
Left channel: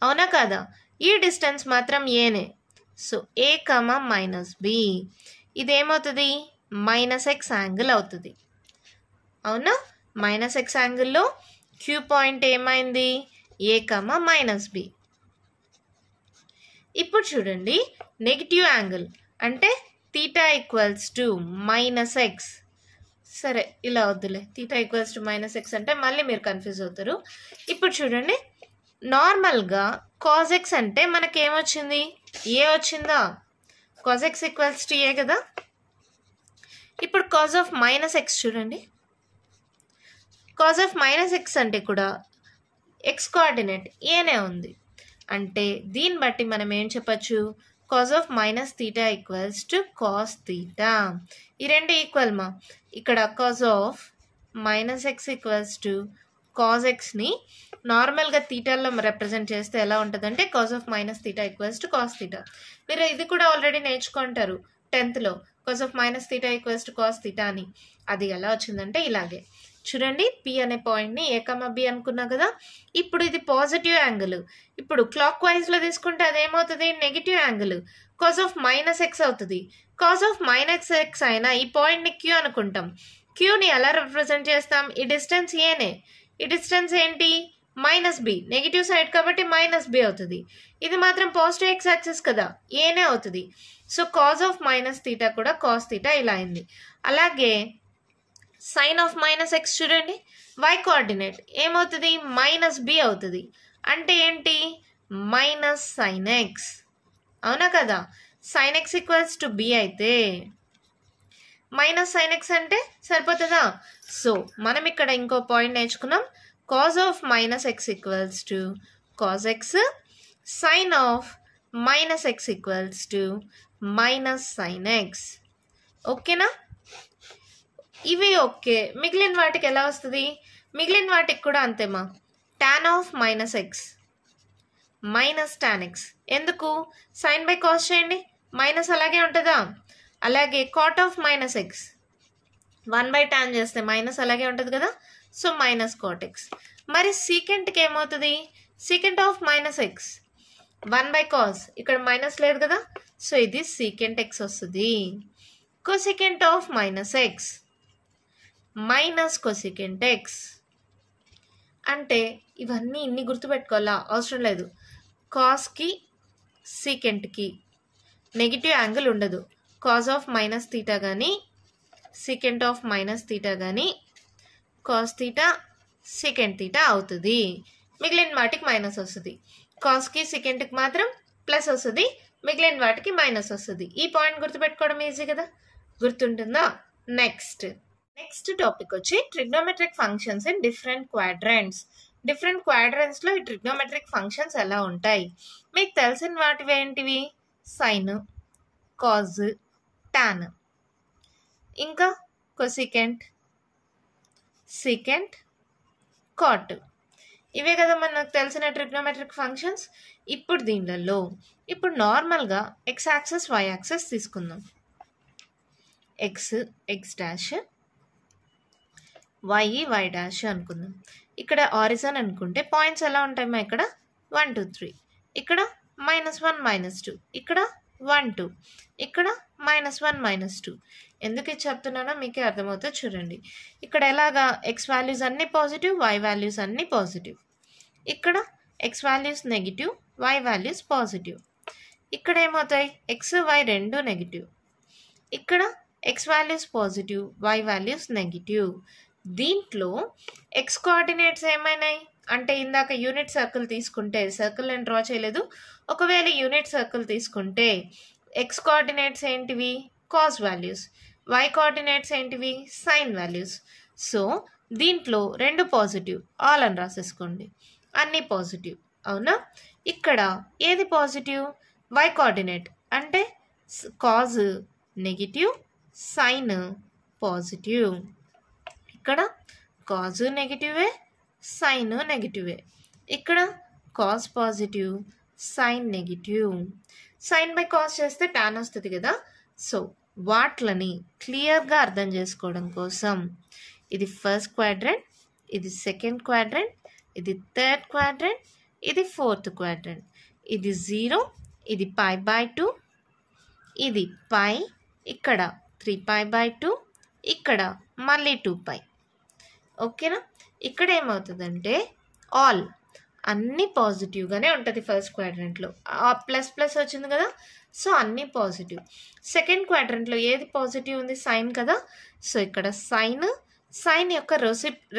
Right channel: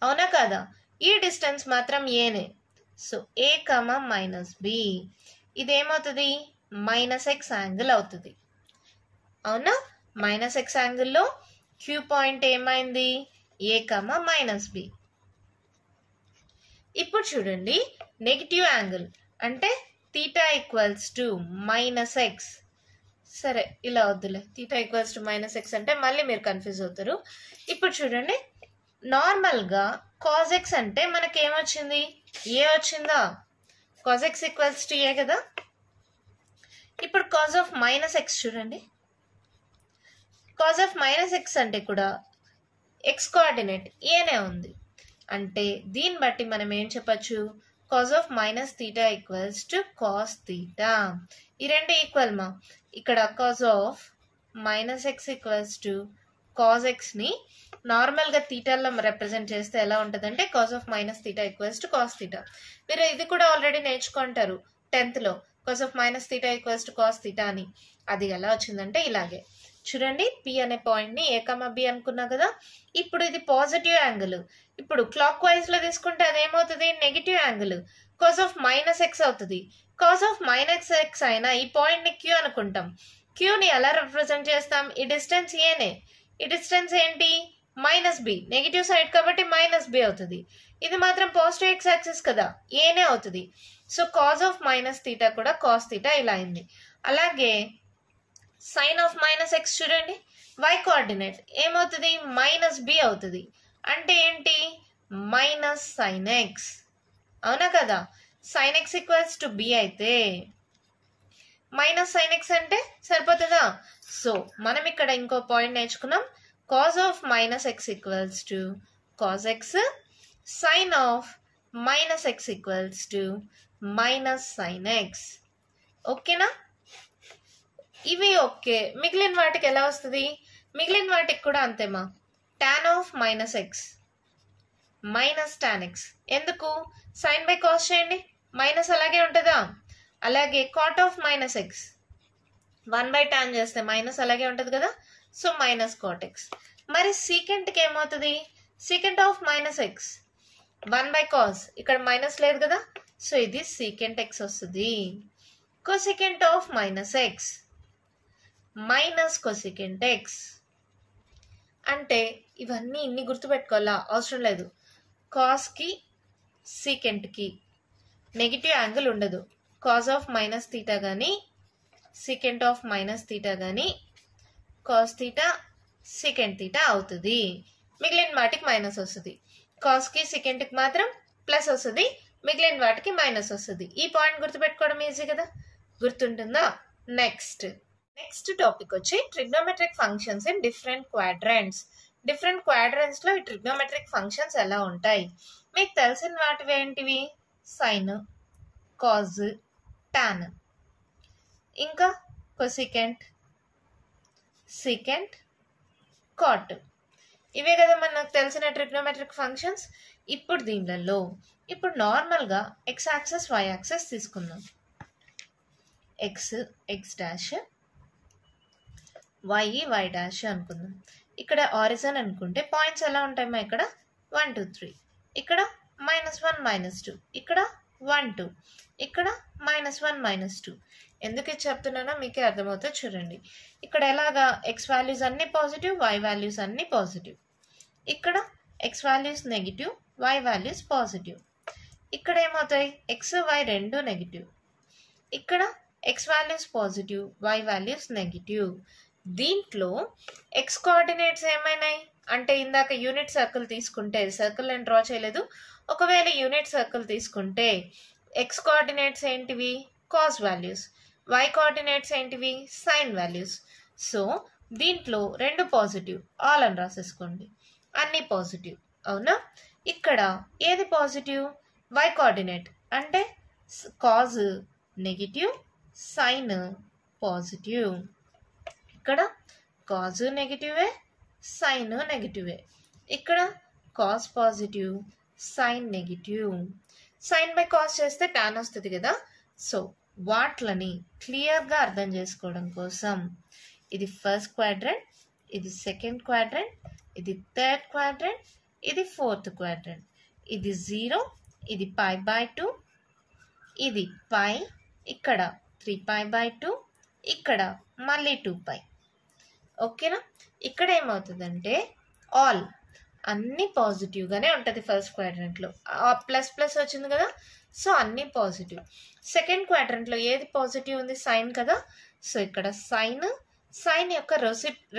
అవునా కాదా? ఈ డిస్టెన్స్ మాత్రం ఏనే. So A, -b. ఇదేమవుతుంది? -x యాంగిల్ అవుతుంది. అవునా? -x యాంగిల్లో Q పాయింట్ ఏమైంది? A, -b. ఇప్పుడు చూడండి, నెగిటివ్ యాంగిల్ అంటే θ = -x. సరే ఇలా వద్దులే, θ = -x అంటే మళ్ళీ మీరు కన్ఫ్యూజ్ అవుతారు. ఇప్పుడు చూడండి, నార్మల్గా cos x అంటే మనకేమొచ్చింది? A వచ్చిందా? cos x = A కదా. ఇప్పుడు cos of -x చూడండి, cos of -x అంటే కూడా x కోఆర్డినేట్ ఏనే ఉంది. అంటే దీన్ని బట్టి మనం ఏం చెప్పచ్చు? cos of -θ = cos θ. ఈ రెండు ఈక్వల్ మా. ఇక్కడ cos of -x = cos xని నార్మల్గా థీటాలో రిప్రజెంట్ చేస్తే ఎలా ఉంటుందంటే cos of -θ = cos θ. మీరు ఇది కూడా ఆల్రెడీ నేర్చుకుంటారు 10th లో, cos of -θ = cos θ అని. అది ఎలా వచ్చిందంటే ఇలాగే చూడండి, P అనే పాయింట్ని A, B అనుకున్నా కదా. ఇప్పుడు ఇది పాజిటివ్ యాంగిల్. ఇప్పుడు క్లాక్ వైజ్లో తీసుకుంటే అదేమవుతుంది? Negative angle. cos of -x అవుతుంది. cos of -x అయినా ఈ పాయింట్ని Q అనుకుంటాం. Qని ఎలా రిప్రజెంట్ చేస్తాం? ఈ డిస్టెన్స్ ఏనే. ఈ డిస్టెన్స్ ఏంటి? -b. నెగిటివ్ సైడ్ కాబట్టి -b అవుతుంది. ఇది మాత్రం పాజిటివ్ x యాక్సిస్ కదా, ఏనే అవుతుంది. సో cos of -θ కూడా cos θ ఇలా అయింది. అలాగే sin of -x చూడండి, y కోఆర్డినేట్ ఏమవుతుంది? -b అవుతుంది. అంటే ఏంటి? -sin x. అవునా కదా. sin x = b అయితే -sin x అంటే సరిపోతుందా? సో మనం ఇక్కడ ఇంకో పాయింట్ నేర్చుకున్నాం. cos of -x = cos x, sin of -x = -sin x. ఓకేనా? ఇవి ఓకే. మిగిలిన వాటికి ఎలా వస్తుంది? మిగిలిన వాటికి కూడా అంతేమా. tan of -x -tan x. ఎందుకు? sin by cos చేయండి, మైనస్ అలాగే ఉంటుందా. అలాగే cot of -x 1/tan చేస్తే మైనస్ అలాగే ఉంటుంది కదా. So -cot x. మరి secantకి ఏమవుతుంది? secant of -x 1/cos, ఇక్కడ మైనస్ లేదు కదా. సో ఇది secant x వస్తుంది. cosecant of -x minus cosecant x. అంటే ఇవన్నీ ఇన్ని గుర్తుపెట్టుకోవాలా అవసరం లేదు. కాస్కి సీకెంట్కి నెగిటివ్ యాంగిల్ ఉండదు. కాస్ ఆఫ్ మైనస్ థీటా కానీ సీకెంట్ ఆఫ్ మైనస్ థీటా కానీ కాస్ థీటా సీకెంట్ థీటా అవుతుంది. మిగిలిన వాటికి మైనస్ వస్తుంది. కాస్కి సీకెంట్కి మాత్రం ప్లస్ వస్తుంది, మిగిలిన వాటికి మైనస్ వస్తుంది. ఈ పాయింట్ గుర్తుపెట్టుకోవడం ఈజీ కదా, గుర్తుంటుందా? నెక్స్ట్ టాపిక్ వచ్చి trigonometric functions in different quadrants. Different quadrants లో ఈ ట్రిగ్నోమెట్రిక్ ఫంక్షన్స్ ఎలా ఉంటాయి? మీకు తెలిసిన వాటివి ఏంటివి? సైన్, కాజ్, టాన్, ఇంకా కొసికెంట్, సీకెంట్, కాట్. ఇవే కదా మనకు తెలిసిన ట్రిగ్నోమెట్రిక్ ఫంక్షన్స్. ఇప్పుడు దీనిలో నార్మల్గా ఎక్స్ యాక్సెస్ వై యాక్సెస్ తీసుకుందాం. ఎక్స్ డాష్, వై డాష్ అనుకుందాం. ఇక్కడ ఆరిజన్ అనుకుంటే పాయింట్స్ ఎలా ఉంటాయమ్మా? ఇక్కడ 1 2 3, ఇక్కడ -1 -2, ఇక్కడ 1 2, ఇక్కడ -1 -2. ఎందుకు ఇది చెప్తున్నానో మీకే అర్థమవుతుంది చూడండి. ఇక్కడ ఎలాగా ఎక్స్ వాల్యూస్ అన్ని పాజిటివ్, వై వాల్యూస్ అన్ని పాజిటివ్. ఇక్కడ x values negative, y values positive. ఇక్కడ ఏమవుతాయి? ఎక్స్ వై రెండు నెగిటివ్. ఇక్కడ x values positive, y values negative. దీంట్లో ఎక్స్ కోఆర్డినేట్స్ ఏమైనాయి అంటే ఇందాక యూనిట్ సర్కిల్ తీసుకుంటే, సర్కిల్ నేను డ్రా చేయలేదు, ఒకవేళ యూనిట్ సర్కిల్ తీసుకుంటే ఎక్స్ కోఆర్డినేట్స్ ఏంటివి? Cos values. వై కోఆర్డినేట్స్ ఏంటివి? Sine values. సో దీంట్లో రెండు పాజిటివ్, ఆల్ అని రాసేసుకోండి. అన్ని పాజిటివ్, అవునా? ఇక్కడ ఏది పాజిటివ్? వై కోఆర్డినేట్ అంటే కాజ్ నెగిటివ్, సైన్ పాజిటివ్. ఇక్కడ కాజ్ నెగిటివే, సైన్ నెగిటివే. ఇక్కడ cos positive, sine negative. Sine by cos చేస్తే టాన్ వస్తుంది కదా. సో వాట్లని క్లియర్గా అర్థం చేసుకోవడం కోసం ఇది ఫస్ట్ క్వాడ్రంట్, ఇది సెకండ్ క్వాడ్రంట్, ఇది థర్డ్ క్వాడ్రంట్, ఇది ఫోర్త్ క్వాడ్రంట్. ఇది 0, ఇది π/2, ఇది π, ఇక్కడ 3π/2, ఇక్కడ మళ్ళీ 2π. ఓకేనా? ఇక్కడ ఏమవుతుందంటే ఆల్ అన్నీ పాజిటివ్గానే ఉంటుంది ఫస్ట్ క్వాడ్రంట్లో. ప్లస్ ప్లస్ వచ్చింది కదా, సో అన్నీ పాజిటివ్. సెకండ్ క్వాడ్రంట్లో ఏది పాజిటివ్ ఉంది? సైన్ కదా. సో ఇక్కడ సైన్ యొక్క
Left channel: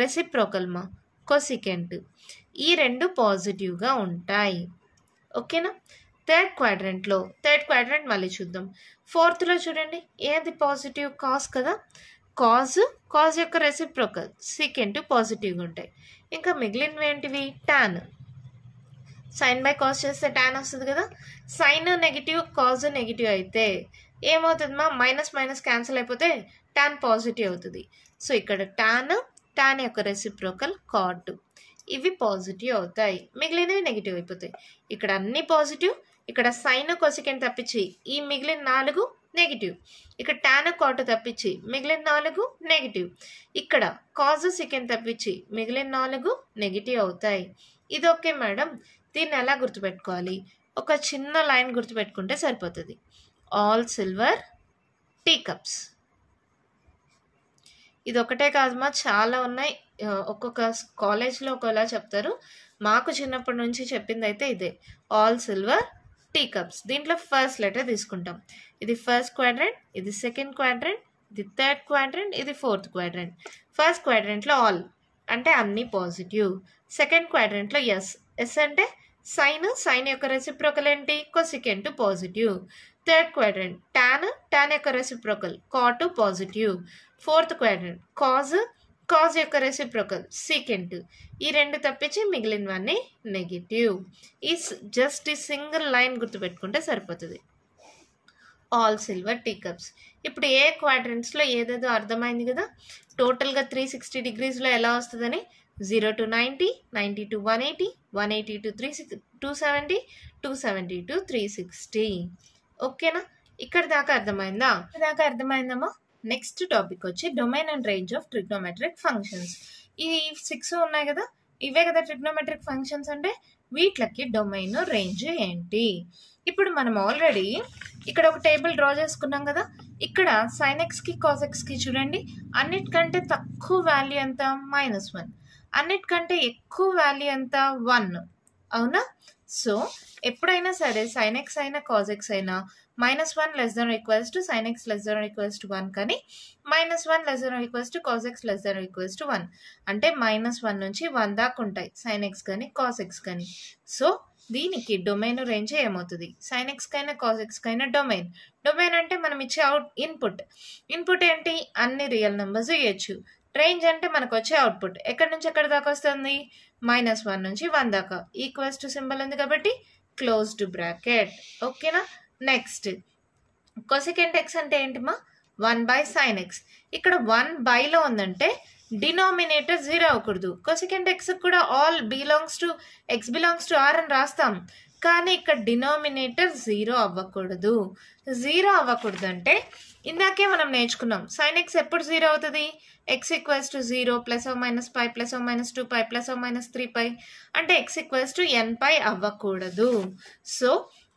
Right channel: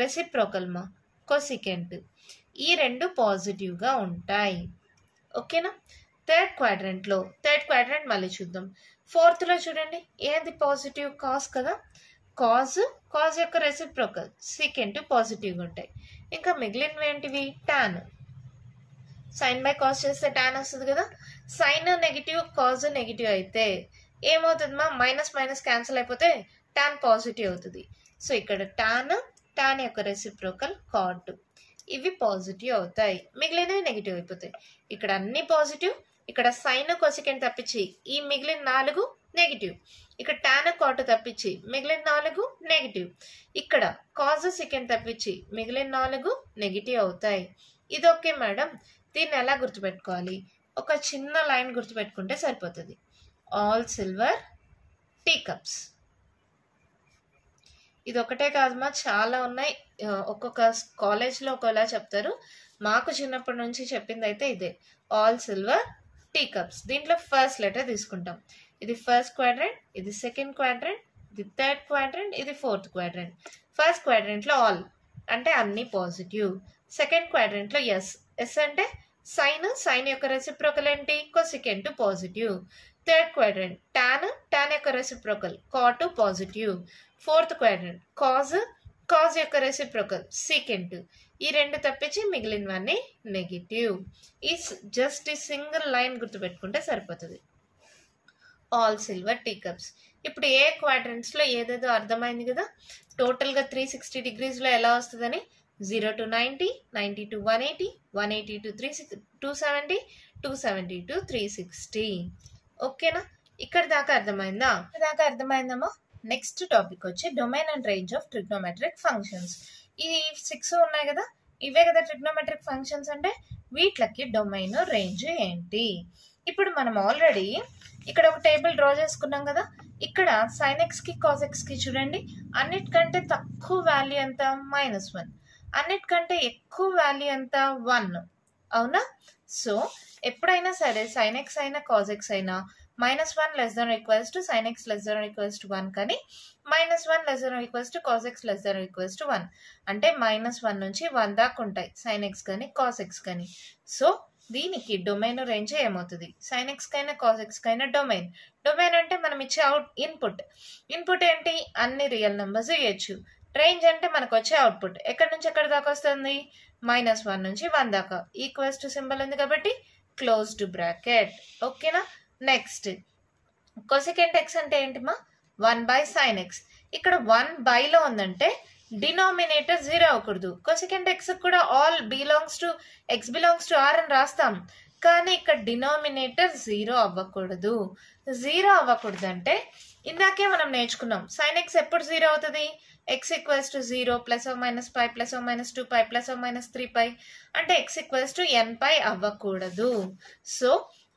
రెసిప్రోకల్ మా కొసికెంట్, ఈ రెండు పాజిటివ్గా ఉంటాయి. ఓకేనా? థర్డ్ క్వాడ్రంట్ మళ్ళీ చూద్దాం. ఫోర్త్లో చూడండి ఏది పాజిటివ్? కాస్ కదా. కాజ్ యొక్క రెసిప్రోకల్ సీకెంట్ పాజిటివ్గా ఉంటాయి. ఇంకా మిగిలినవి ఏంటివి? టాన్. సైన్ బై కాస్ చేస్తే టాన్ వస్తుంది కదా. సైన్ నెగిటివ్, కాజ్ నెగిటివ్ అయితే ఏమవుతుంది మా? మైనస్ మైనస్ క్యాన్సిల్ అయిపోతే టాన్ పాజిటివ్ అవుతుంది. సో ఇక్కడ టాన్ యొక్క రెసిప్రోకల్ కాట్, ఇవి పాజిటివ్ అవుతాయి, మిగిలినవి నెగిటివ్ అయిపోతాయి. ఇక్కడ అన్ని పాజిటివ్, ఇక్కడ సైన్ కొసికెంట్ తప్పించి ఈ మిగిలిన 4 నెగిటివ్. ఇక్కడ టాన్ కాట్ తప్పించి మిగిలిన 4 నెగిటివ్. ఇక్కడ కాజ్ సెకెండ్ తప్పించి మిగిలిన 4 నెగిటివ్ అవుతాయి. ఇది ఓకే మేడం. దీన్ని ఎలా గుర్తుపెట్టుకోవాలి? ఒక చిన్న లైన్ గుర్తుపెట్టుకుంటే సరిపోతుంది. All silver tea cups. ఇది ఒకటే కాదమ్మా, చాలా ఉన్నాయి. ఒక్కొక్క కాలేజ్లో ఒకలా చెప్తారు. మాకు చిన్నప్పటి నుంచి చెప్పింది అయితే ఇదే, ఆల్ సిల్వర్ టీ కప్స్. దీంట్లో ఫస్ట్ లెటర్ తీసుకుంటాం. ఇది ఫస్ట్ క్వాడ్రంట్, ఇది సెకండ్ క్వాడ్రంట్, ఇది థర్డ్ క్వాడ్రంట్, ఇది ఫోర్త్ క్వాడ్రంట్. ఫస్ట్ క్వాడ్రంట్లో ఆల్ అంటే అన్ని పాజిటివ్. సెకండ్ క్వాడ్రంట్లో ఎస్ అంటే సైన్ యొక్క రెసిప్రోకల్ ఏంటి? Cosecant positive. Third quadrant tan యొక్క reciprocal cot positive. Fourth quadrant cos యొక్క రెసిప్రోకల్ సీకెంట్. ఈ రెండు తప్పించి మిగిలినవన్నీ నెగిటివ్. జస్ట్ ఈ సింగిల్ లైన్ గుర్తుపెట్టుకుంటే సరిపోతుంది. All silver tea cups. ఇప్పుడు ఏ క్వాడ్రంట్స్లో ఏదేదో అర్థమైంది కదా. టోటల్గా 360 డిగ్రీస్లో ఎలా వస్తుందని 0 to 90, 90 to 180, 180 to 270, 270 to 360. ఓకేనా? ఇక్కడ దాకా అర్థమైందమ్మా. నెక్స్ట్ టాపిక్ వచ్చి domain and range of trigonometric functions. ఈ 6 ఉన్నాయి కదా, ఇవే కదా ట్రిగ్నోమెట్రిక్ ఫంక్షన్స్ అంటే. వీటికి డొమైన్ రేంజ్ ఏంటి? ఇప్పుడు మనం ఆల్రెడీ ఇక్కడ ఒక టేబుల్ డ్రా చేసుకున్నాం కదా, ఇక్కడ sin x కి cos x కి చూడండి అన్నిటికంటే తక్కువ వాల్యూ ఎంత -1, అన్నిటికంటే ఎక్కువ వాల్యూ ఎంత 1. అవునా? సో ఎప్పుడైనా సరే sin x అయినా cos x అయినా -1 less than or equals to sin x less than or equals to 1 కానీ -1 less than or equals to cos x less than or equals to 1 అంటే -1 నుంచి 1 దాకా ఉంటాయి sin x కానీ cos x కానీ. So దీనికి domain range ఏమవుతుంది? sin x కైనా cos x కైనా డొమైన్ అంటే మనం ఇచ్చే ఇన్పుట్ ఏంటి? అన్ని రియల్ నెంబర్స్ ఇవ్వచ్చు. రేంజ్ అంటే మనకు వచ్చే అవుట్పుట్ ఎక్కడి నుంచి ఎక్కడి దాకా వస్తుంది? -1 నుంచి 1 దాకా. ఈక్వల్స్ టు సింబల్ ఉంది కాబట్టి క్లోజ్డ్ బ్రాకెట్. ఓకేనా? నెక్స్ట్ కొసెకెంట్ x అంటే ఏంటిమా? 1/sin x. ఇక్కడ 1/లో ఉందంటే డినామినేటర్ 0 అవ్వకూడదు. కొసెకెంట్ x కూడా all belongs to x belongs to r అని రాస్తాం, కానీ ఇక్కడ డినామినేటర్ 0 అవ్వకూడదు. 0 అవ్వకూడదు అంటే ఇందాకే మనం నేర్చుకున్నాం sin x ఎప్పుడు 0 అవుతుంది? x equals to 0 +or -π +or -2π +or -3π అంటే x ఈక్వల్స్ టు nπ అవ్వకూడదు. సో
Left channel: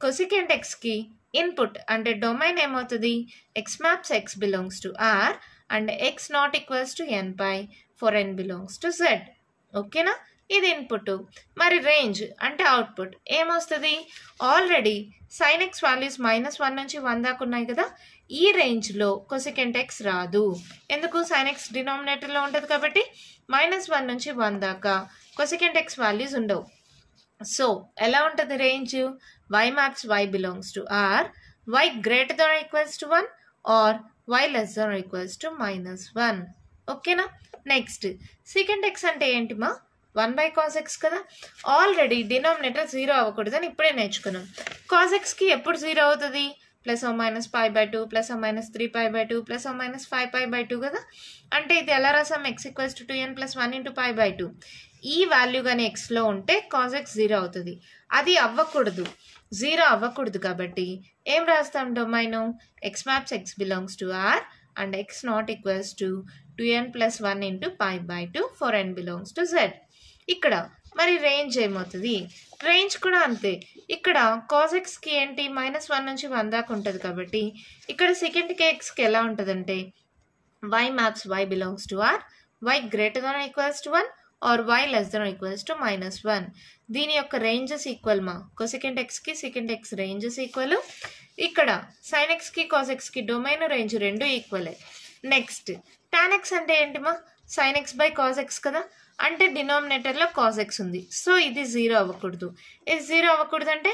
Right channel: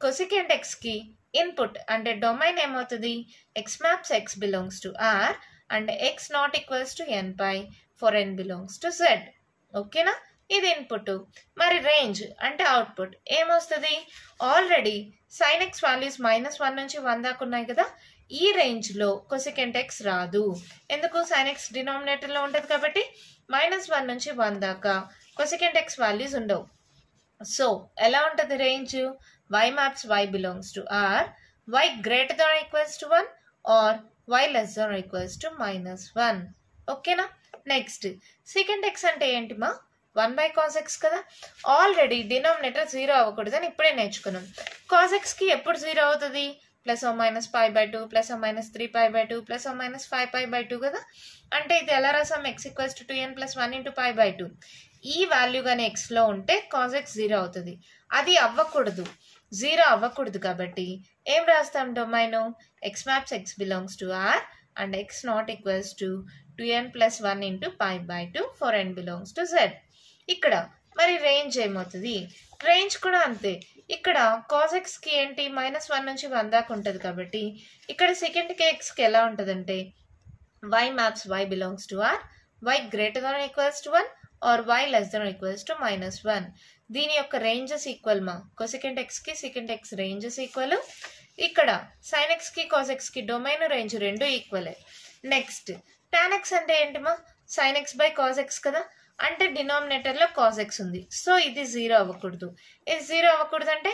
కొసెకెంట్ x కి ఇన్పుట్ అంటే డొమైన్ ఏమవుతుంది? x maps x belongs to r and x not equals to nπ for n belongs to z. ఓకేనా? ఇది input. మరి range అంటే output ఏమొస్తుంది? ఆల్రెడీ sin x వాల్యూస్ -1 నుంచి 1 దాకా ఉన్నాయి కదా, ఈ రేంజ్లో కొసెకెంట్ x రాదు. ఎందుకు? sin x డినామినేటర్లో ఉంటుంది కాబట్టి -1 నుంచి 1 దాకా కొసెకెంట్ x వాల్యూస్ ఉండవు. సో ఎలా ఉంటుంది range? y maps y belongs to r, y greater than or equals to 1 or y less than or equals to -1. ఓకేనా? నెక్స్ట్ సెకండ్ x అంటే ఏంటిమా? 1/cos x కదా. ఆల్రెడీ డినామినేటర్ 0 అవ్వకూడదని ఇప్పుడే నేర్చుకున్నాం. cos x కి ఎప్పుడు 0 అవుతుంది? +or -π/2 +or -3π/2 +or -5π/2 కదా. అంటే ఇది ఎలా రాసాం? x equals to 2n + 1 × π/2. ఈ వాల్యూ కానీ ఎక్స్లో ఉంటే cos x 0 అవుతుంది. అది అవ్వకూడదు, 0 అవ్వకూడదు కాబట్టి ఏం రాస్తాం? Domain x maps x belongs to r and x not equals to 2n + 1 × π/2 for n belongs to z. ఇక్కడ మరి రేంజ్ ఏమవుతుంది? రేంజ్ కూడా అంతే. ఇక్కడ cos x కి ఏంటి? -1 నుంచి 1 దాకా ఉంటుంది కాబట్టి ఇక్కడ సెకండ్ x కి ఎలా ఉంటుందంటే y maps y belongs to r, y greater than or equals to 1 or y less than or equals to -1. దీని యొక్క రేంజెస్ ఈక్వల్ మా. కొసెకెంట్ x కి సెకండ్ x రేంజెస్ ఈక్వల్. ఇక్కడ sin x కి cos x కి డొమైన్ రేంజ్ రెండు equal. Next tan x అంటే ఏంటిమా? sin x/cos x కదా. అంటే డినామినేటర్లో cos x ఉంది. సో ఇది 0 అవ్వకూడదు. ఇది 0 అవ్వకూడదు అంటే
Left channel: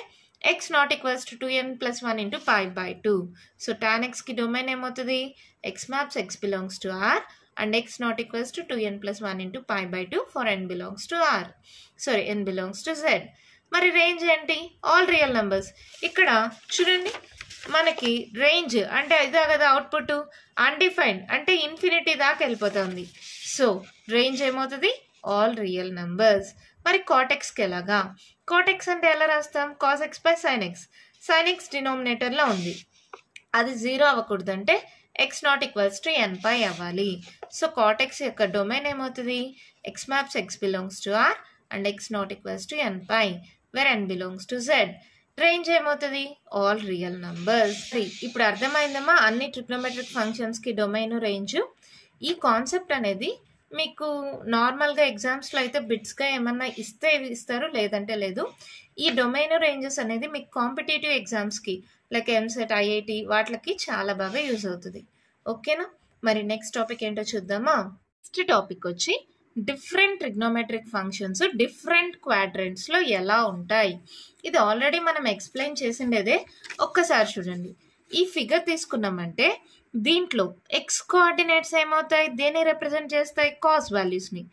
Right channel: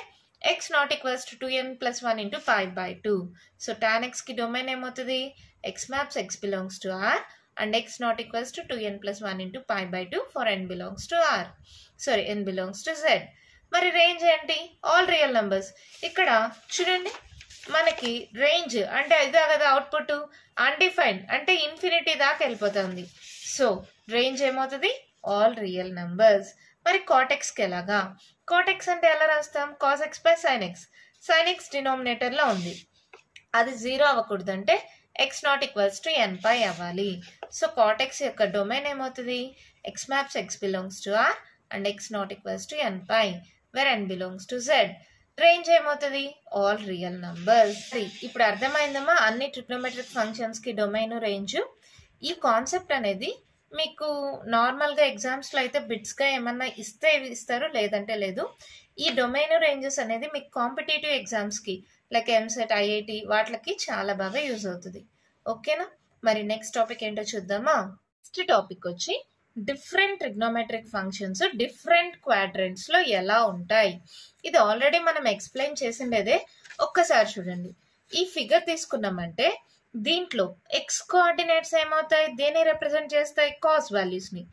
x not equals to 2n + 1 × π/2. So tan x కి డొమైన్ ఏమవుతుంది? x maps x belongs to r and x not equals to 2n + 1 × π/2 for n belongs to r. Sorry n belongs to z. మరి range ఏంటి? All real numbers. ఇక్కడ చూడండి మనకి range అంటే ఇదే కదా అవుట్పుట్. అన్డిఫైన్డ్ అంటే ఇన్ఫినిటీ దాకా వెళ్ళిపోతుంది. సో రేంజ్ ఏమవుతుంది? All real numbers. మరి కాటెక్స్కి ఎలాగా? కాటెక్స్ అంటే ఎలా రాస్తాం? cos x/sin x. sin x డినామినేటర్లో ఉంది, అది 0 అవ్వకూడదు అంటే x not equals to nπ అవ్వాలి. సో కాటెక్స్ యొక్క డొమైన్ ఏమవుతుంది? x maps x belongs to r and x not equals to nπ where n belongs to z. Range ఏమవుతుంది? All real numbers. ఇప్పుడు అర్థమైందమ్మా అన్ని ట్రిగ్నోమెట్రిక్ ఫంక్షన్స్కి డొమైన్ రేంజ్. ఈ concept అనేది మీకు నార్మల్గా ఎగ్జామ్స్లో అయితే బిట్స్గా ఏమన్నా ఇస్తారు, లేదంటే లేదు. ఈ డొమైన్ రేంజెస్ అనేది మీకు కాంపిటేటివ్ ఎగ్జామ్స్కి లైక్ ఎంసెట్, ఐఐటి వాటికి చాలా బాగా యూజ్ అవుతుంది. ఓకేనా? మరి నెక్స్ట్ టాపిక్ ఏంటో చూద్దామా? నెక్స్ట్ టాపిక్ వచ్చి డిఫరెంట్ ట్రిగ్నోమెట్రిక్ ఫంక్షన్స్ డిఫరెంట్ క్వాడ్రంట్స్లో ఎలా ఉంటాయి. ఇది ఆల్రెడీ మనం ఎక్స్ప్లెయిన్ చేసిండేదే. ఒక్కసారి చూడండి. ఈ ఫిగర్ తీసుకున్నామంటే దీంట్లో x కోఆర్డినేట్స్ ఏమవుతాయి? దేన్ని రిప్రజెంట్ చేస్తాయి? కాస్ వాల్యూస్ని.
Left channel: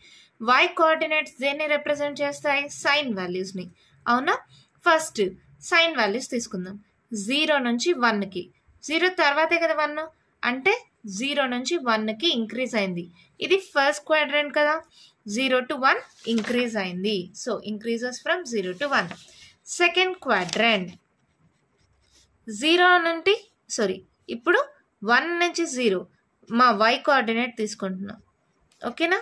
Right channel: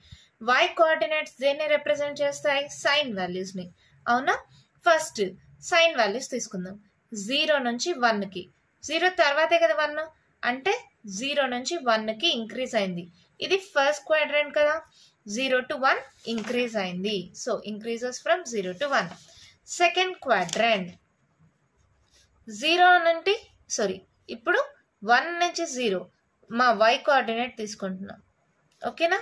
y కోఆర్డినేట్స్ దేన్ని రిప్రజెంట్ చేస్తాయి? సైన్ వాల్యూస్ని. అవునా? ఫస్ట్ సైన్ వాల్యూస్ తీసుకుందాం. 0 నుంచి 1కి. 0 తర్వాతే కదా 1 అంటే 0 నుంచి 1కి ఇంక్రీజ్ అయింది. ఇది ఫస్ట్ క్వాడ్రంట్ కదా. 0 to 1 ఇంక్రీజ్ అయింది. So increases from 0 to 1. Second quadrant 0 నుండి ఇప్పుడు 1 నుంచి 0 మా y కోఆర్డినేట్ తీసుకుంటున్నాం. ఓకేనా?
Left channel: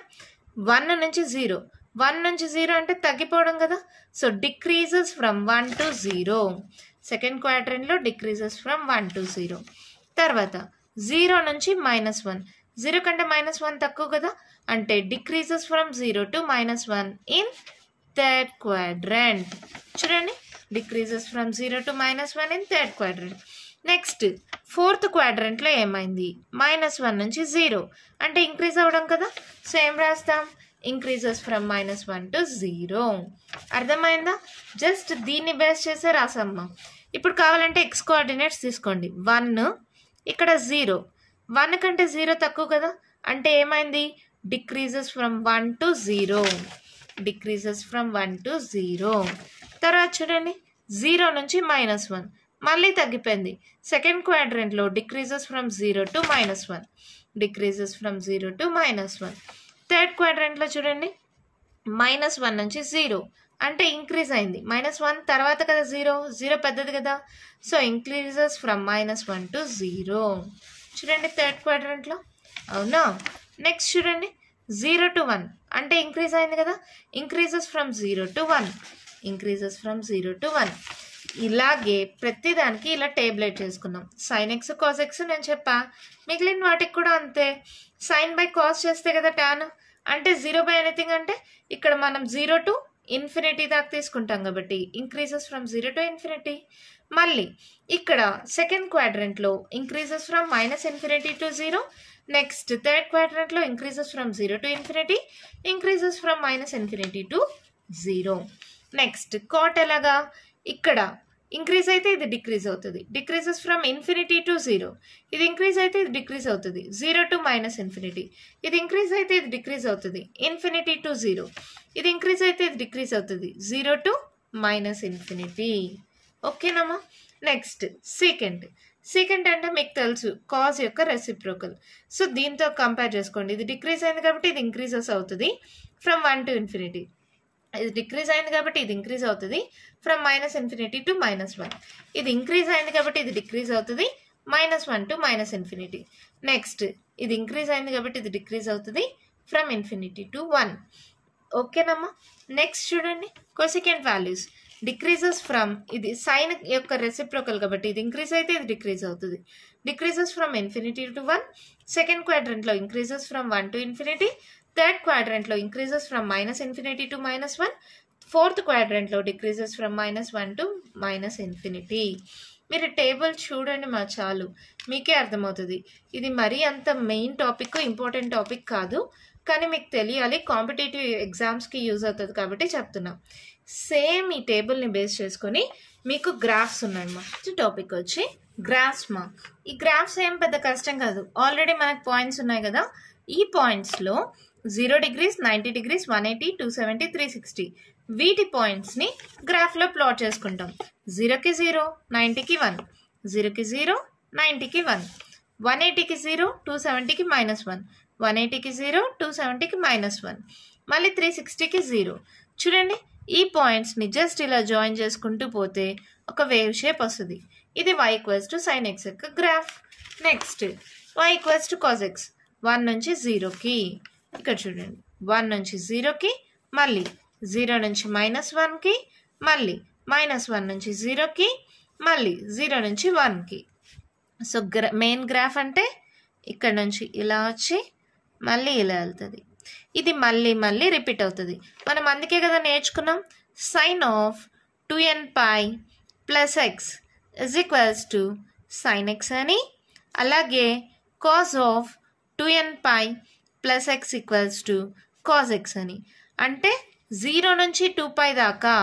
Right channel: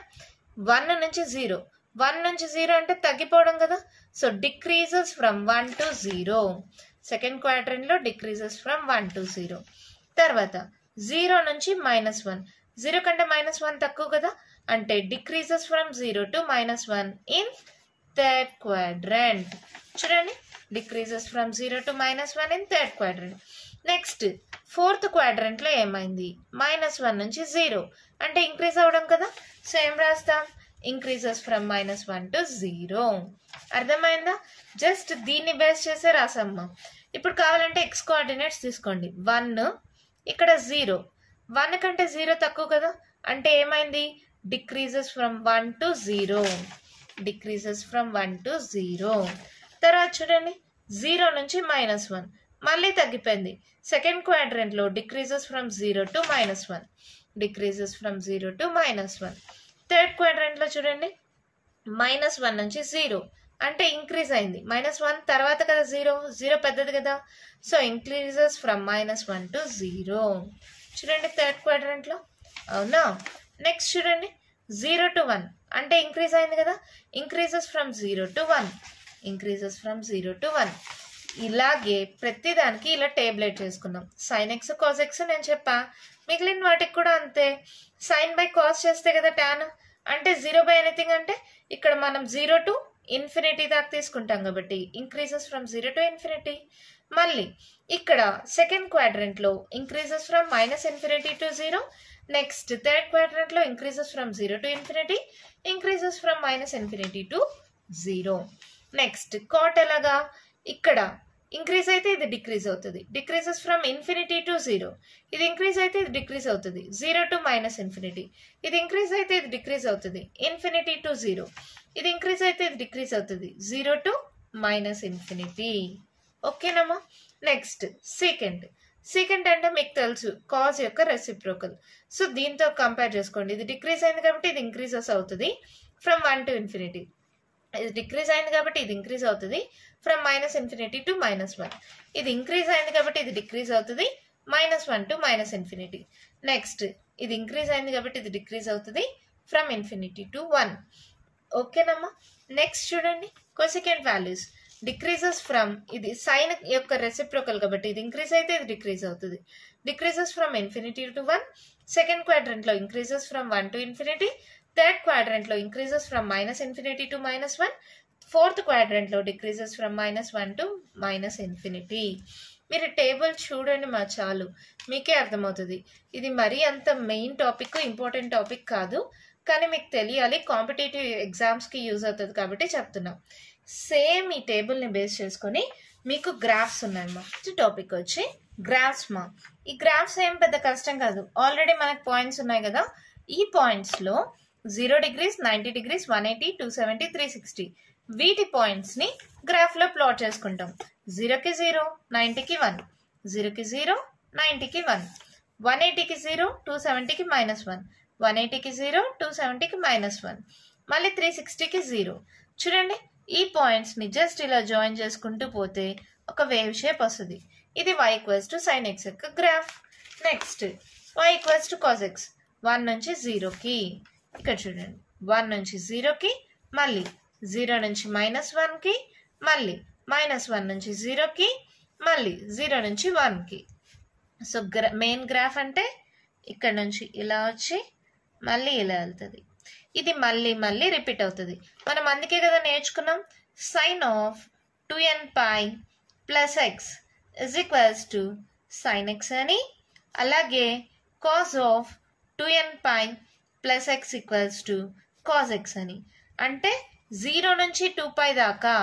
1 నుంచి 0. 1 నుంచి 0 అంటే తగ్గిపోవడం కదా. So decreases from 1 to 0. Second క్వాడ్రంట్లో డిక్రీజెస్ ఫ్రమ్ 1 to 0. తర్వాత 0 నుంచి -1, 0 కంటే -1 తక్కువ కదా, అంటే decreases from 0 to -1 in third quadrant. చూడండి, decreases from 0 to -1 in third quadrant. Next fourth క్వాడ్రంట్లో ఏమైంది, -1 నుంచి 0 అంటే ఇంక్రీజ్ అవ్వడం కదా, సో ఏం రాస్తాం, ఇంక్రీజెస్ ఫ్రమ్ -1 to 0. అర్థమైందా? జస్ట్ దీన్ని బేస్ చేసే రాసమ్మా. ఇప్పుడు కావాలంటే ఎక్స్ కోఆర్డినేట్స్ తీసుకోండి. 1, ఇక్కడ 0, 1 కంటే 0 తక్కువ కదా, అంటే ఏమైంది, decreases from 1 to 0, decreases from 1 to 0. తర్వాత చూడండి 0 నుంచి -1 మళ్ళీ తగ్గిపోయింది. సెకండ్ క్వాడ్రంట్లో decreases from 0 to -1, decreases from 0 to -1. Third క్వాడ్రంట్లో చూడండి -1 నుంచి 0 అంటే ఇంక్రీజ్ అయింది. -1 తర్వాత కదా 0 పెద్దది కదా, సో ఇంక్రీజెస్ ఫ్రమ్ -1 to 0. చూడండి థర్డ్ క్వాడ్రంట్లో, అవునా? నెక్స్ట్ చూడండి 0 to 1 అంటే ఇంక్రీజ్ అయింది కదా, increases from 0 to 1, increases from 0 to 1. ఇలాగే ప్రతిదానికి ఇలా టేబులేట్ చేసుకున్నాం. సైన్ ఎక్స్ కాస్ ఎక్స్ నేను చెప్పా, మిగిలిన వాటికి కూడా అంతే. సైన్ బై కాస్ చేస్తే కదా టాన్, అంటే 0 బై ఎనీథింగ్ అంటే ఇక్కడ మనం 0 to ఇన్ఫినిటీ దాకా తీసుకుంటాం కాబట్టి ఇంక్రీజెస్ ఫ్రమ్ 0 to ఇన్ఫినిటీ. మళ్ళీ ఇక్కడ సెకండ్ క్వాడ్రంట్లో increases from -infinity to 0. Next third క్వాడ్రంట్లో increases from 0 to infinity, increases from -infinity to 0. Next cot ఎలాగా, ఇక్కడ ఇంక్రీజ్ అయితే ఇది డిక్రీజ్ అవుతుంది, డిక్రీజెస్ ఫ్రమ్ ఇన్ఫినిటీ టు 0, ఇది ఇంక్రీజ్ అయితే ఇది డిక్రీజ్ అవుతుంది, 0 to -ఇన్ఫినిటీ, ఇది ఇంక్రీజ్ అయితే ఇది డిక్రీజ్ అవుతుంది, ఇన్ఫినిటీ టు 0, ఇది ఇంక్రీజ్ అయితే ఇది డిక్రీజ్ అవుతుంది, 0 to -ఇన్ఫినిటీ. ఓకేనమ్మా? నెక్స్ట్ సీకెంట్ అంటే మీకు తెలుసు కాజ్ యొక్క రెసిప్రోకల్. సో దీంతో కంపేర్ చేసుకోండి, ఇది డిక్రీజ్ అయింది కాబట్టి ఇది ఇంక్రీజెస్ అవుతుంది ఫ్రమ్ 1 to ఇన్ఫినిటీ, ఇది డిక్రీజ్ అయింది కాబట్టి ఇది ఇంక్రీజ్ అవుతుంది ఫ్రమ్ -ఇన్ఫినిటీ to -1, ఇది ఇంక్రీజ్ అయింది కాబట్టి ఇది డిక్రీజ్ అవుతుంది -1 to -ఇన్ఫినిటీ. నెక్స్ట్ ఇది ఇంక్రీజ్ అయింది కాబట్టి ఇది డిక్రీజ్ అవుతుంది ఫ్రమ్ ఇన్ఫినిటీ to 1. ఓకేనమ్మా? నెక్స్ట్ చూడండి కొసికెంట్ వాల్యూస్, డిక్రీజెస్ ఫ్రమ్, ఇది సైన్ యొక్క రెసిప్రోకల్ కాబట్టి ఇది ఇంక్రీజ్ అయితే ఇది డిక్రీజ్ అవుతుంది, decreases from infinity to 1. Second క్వాడ్రంట్లో increases from 1 to infinity, third క్వాడ్రంట్లో increases from -infinity to -1, fourth క్వాడ్రంట్లో డిక్రీజెస్ ఫ్రమ్ -1 to -ఇన్ఫినిటీ. మీరు టేబుల్ చూడండి మా, చాలు మీకే అర్థమవుతుంది. ఇది మరీ అంత మెయిన్ టాపిక్, ఇంపార్టెంట్ టాపిక్ కాదు, కానీ మీకు తెలియాలి, కాంపిటేటివ్ ఎగ్జామ్స్కి యూజ్ అవుతుంది కాబట్టి చెప్తున్నా. సేమ్ ఈ టేబుల్ని బేస్ చేసుకొని మీకు గ్రాఫ్స్ ఉన్నాయి మా. టాపిక్ వచ్చి గ్రాఫ్స్ మా. ఈ గ్రాఫ్స్ ఏం పెద్ద కష్టం కాదు, ఆల్రెడీ మనకు పాయింట్స్ ఉన్నాయి కదా, ఈ పాయింట్స్లో 0 degrees, 90 degrees, 180, 270, 360 వీటి పాయింట్స్ని గ్రాఫ్లో ప్లాట్ చేసుకుంటాం. 0కి 0, 90కి 1, 0కి 0, 90కి 1, 180కి 0, 270కి -1, 180కి 0, 270కి -1, మళ్ళీ 360కి 0. చూడండి ఈ పాయింట్స్ని జస్ట్ ఇలా జాయిన్ చేసుకుంటూ పోతే ఒక వేవ్ షేప్ వస్తుంది. ఇది y = sin x యొక్క graph. Next y = cos x, 1 నుంచి 0కి, ఇక్కడ చూడండి 1 నుంచి 0కి, మళ్ళీ 0 నుంచి -1కి, మళ్ళీ -1 నుంచి 0కి, మళ్ళీ 0 నుంచి 1కి. సో మెయిన్ గ్రాఫ్ అంటే ఇక్కడ నుంచి ఇలా వచ్చి మళ్ళీ ఇలా వెళ్తుంది. ఇది మళ్ళీ మళ్ళీ రిపీట్ అవుతుంది. మనం అందుకే కదా నేర్చుకున్నాం sin of 2nπ + x = sin x అని, అలాగే cos of 2nπ + x = cos x అని. అంటే 0 నుంచి 2π దాకా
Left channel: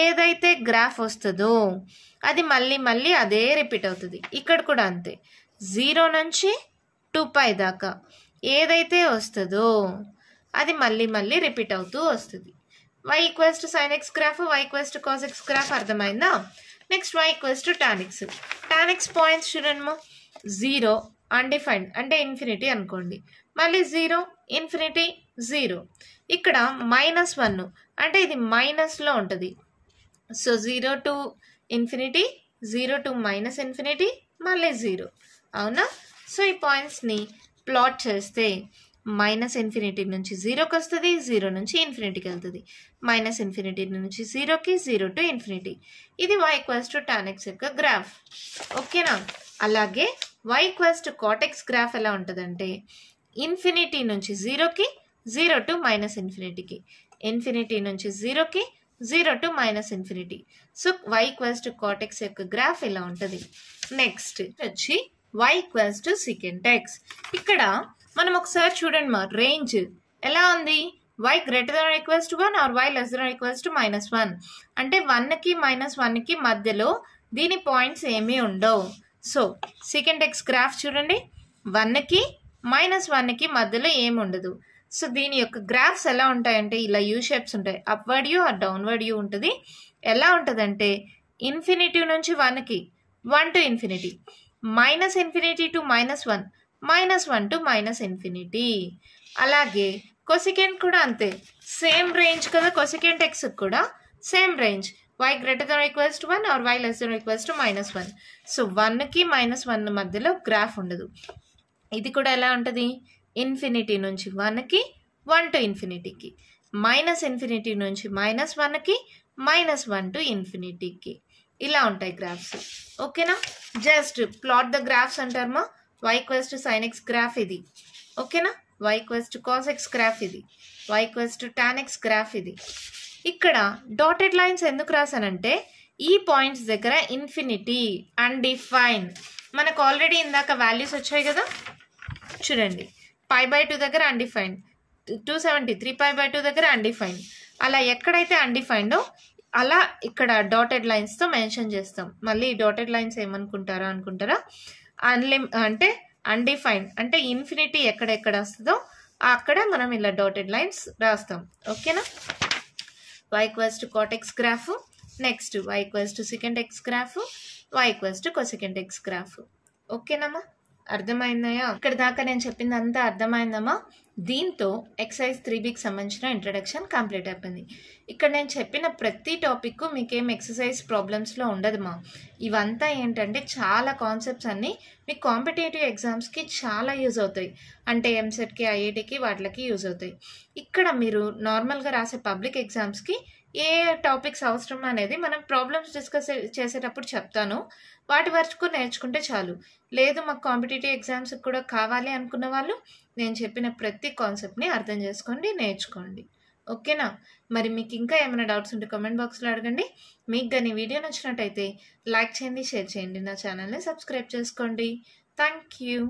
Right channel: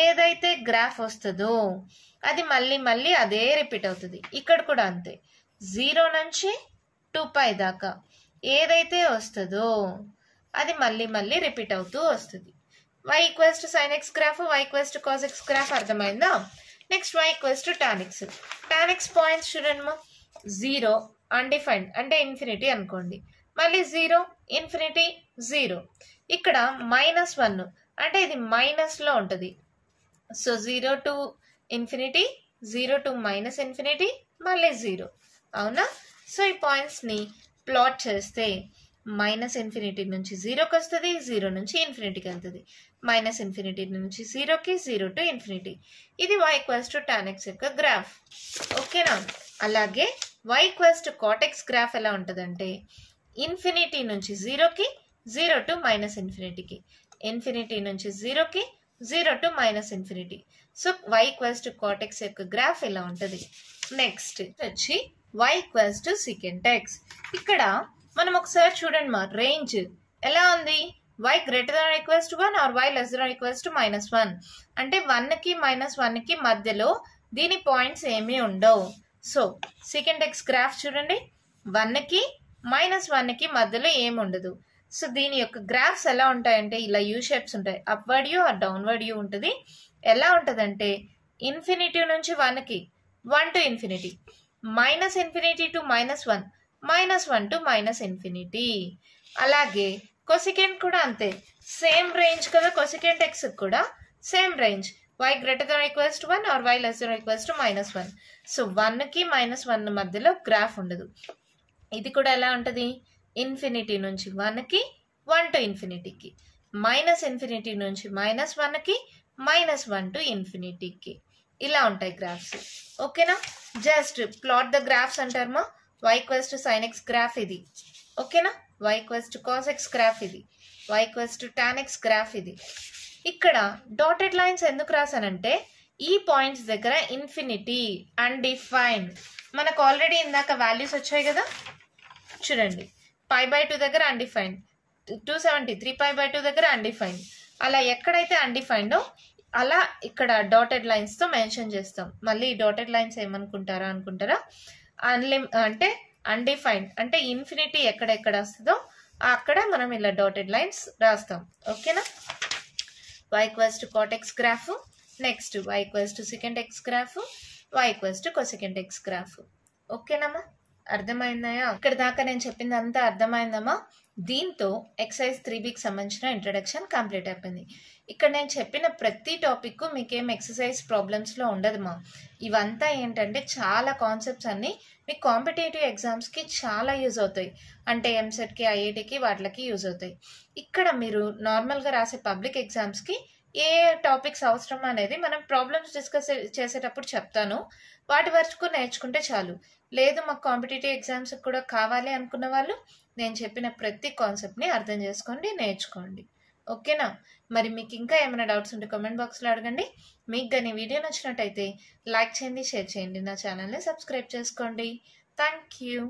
ఏదైతే గ్రాఫ్ వస్తుందో అది మళ్ళీ మళ్ళీ అదే రిపీట్ అవుతుంది. ఇక్కడ కూడా అంతే, 0 నుంచి 2π దాకా ఏదైతే వస్తుందో అది మళ్ళీ మళ్ళీ రిపీట్ అవుతూ వస్తుంది. y = sin x graph, y = cos x graph అర్థమైందా? Next y = tan x. tan x points చూడండి, 0 అన్డిఫైన్డ్ అంటే ఇన్ఫినిటీ అనుకోండి, మళ్ళీ 0, ఇన్ఫినిటీ, 0. ఇక్కడ -1 అంటే ఇది మైనస్లో ఉంటుంది. So 0 to infinity, 0 to -infinity, మళ్ళీ 0. అవునా? సో ఈ పాయింట్స్ని ప్లాట్ చేస్తే మైనస్ ఇన్ఫినిటీ నుంచి జీరోకి వస్తుంది, జీరో నుంచి ఇన్ఫినిటీకి వెళ్తుంది. మైనస్ ఇన్ఫినిటీ నుంచి జీరోకి, జీరో టు ఇన్ఫినిటీ. ఇది y equals to tan x యొక్క గ్రాఫ్. ఓకేనా? అలాగే y equals to cot x graph ఎలా ఉంటుందంటే ఇన్ఫినిటీ నుంచి జీరోకి, జీరో టు మైనస్ ఇన్ఫినిటీకి, ఇన్ఫినిటీ నుంచి జీరోకి, zero to minus infinity. So y equals to cot x యొక్క గ్రాఫ్ ఇలా ఉంటుంది. నెక్స్ట్ వచ్చి y equals to secant x. ఇక్కడ మనం ఒకసారి చూడండి మా రేంజ్ ఎలా ఉంది. y greater than equals to 1 or y less than equals to -1. అంటే 1కి -1కి మధ్యలో దీని పాయింట్స్ ఏమీ ఉండవు. సో secant x గ్రాఫ్ చూడండి, 1కి -1కి మధ్యలో ఏమి ఉండదు. సో దీని యొక్క గ్రాఫ్స్ ఎలా ఉంటాయంటే ఇలా యూ షేప్స్ ఉంటాయి. Upward U or downward U ఉంటుంది. ఎలా ఉంటుందంటే ఇన్ఫినిటీ నుంచి 1కి, 1 to infinity, minus infinity to -1, -1 to minus infinity. అలాగే కొసికెంట్ కూడా అంతే, సేమ్ రేంజ్ కదా. కొసికెంట్ ఎక్స్ కూడా same range, y greater than equals to 1 or y less than equals to -1. So 1కి -1 మధ్యలో గ్రాఫ్ ఉండదు. ఇది కూడా ఎలా ఉంటుంది, ఇన్ఫినిటీ నుంచి 1కి, 1 టు ఇన్ఫినిటీకి, మైనస్ ఇన్ఫినిటీ నుంచి -1కి, -1 టు ఇన్ఫినిటీకి. ఇలా ఉంటాయి గ్రాఫ్స్. ఓకేనా? జస్ట్ ప్లాట్ ద గ్రాఫ్స్ అంటారమ్మా. y equals to sin x graph ఇది. ఓకేనా? y equals to cos x graph ఇది. y equals to tan x graph ఇది. ఇక్కడ డాటెడ్ లైన్స్ ఎందుకు రాసానంటే ఈ పాయింట్స్ దగ్గర ఇన్ఫినిటీ, అన్డిఫైన్డ్, మనకు ఆల్రెడీ ఇందాక వాల్యూస్ వచ్చాయి కదా. చూడండి, π/2 దగ్గర అన్డిఫైన్డ్, 273 π/2 దగ్గర అన్డిఫైన్డ్. అలా ఎక్కడైతే అన్డిఫైన్డో అలా ఇక్కడ డాటెడ్ లైన్స్తో మెన్షన్ చేస్తాం. మళ్ళీ డాటెడ్ లైన్స్ ఏమనుకుంటారా అంటే అన్డిఫైన్డ్ అంటే ఇన్ఫినిటీ ఎక్కడెక్కడ వస్తుందో అక్కడ మనం ఇలా డాటెడ్ లైన్స్ రాస్తాం. ఓకేనా? y equals to cot x graph, next y equals to secant x graph, y equals to cosecant x graph. ఓకేనమ్మా? అర్థమైందయా? ఇక్కడ దాకా నేను చెప్పింది అంతా అర్థమైందమ్మా? దీంతో ఎక్సైజ్ 3Bకి సంబంధించిన ఇంట్రడక్షన్ కంప్లీట్ అయిపోయింది. ఇక్కడ నేను చెప్పిన ప్రతి టాపిక్ మీకేం ఎక్సర్సైజ్ ప్రాబ్లమ్స్లో ఉండదుమా. ఇవంతా ఏంటంటే చాలా కాన్సెప్ట్స్ అన్నీ మీకు కాంపిటేటివ్ ఎగ్జామ్స్కి చాలా యూజ్ అవుతాయి. అంటే ఎంసెట్కి, ఐఐటికి వాటికి యూజ్ అవుతాయి. ఇక్కడ మీరు నార్మల్గా రాసే పబ్లిక్ ఎగ్జామ్స్కి ఏ టాపిక్స్ అవసరం అనేది మనం ప్రాబ్లమ్స్ డిస్కస్ చేసేటప్పుడు చెప్తాను. వాటి వరకు నేర్చుకుంటే చాలు. లేదు మాకు కాంపిటేటివ్ ఎగ్జామ్స్ కూడా కావాలి అనుకున్న వాళ్ళు నేను చెప్పిన ప్రతి కాన్సెప్ట్ని అర్థం చేసుకోండి, నేర్చుకోండి. ఓకేనా? మరి మీకు ఇంకా ఏమైనా డౌట్స్ ఉంటే కామెంట్ బాక్స్లో అడగండి. మీకు కానీ వీడియో నచ్చినట్టయితే లైక్ చేయండి, షేర్ చేయండి, నా ఛానల్ని సబ్స్క్రైబ్ చేసుకోండి. Thank you.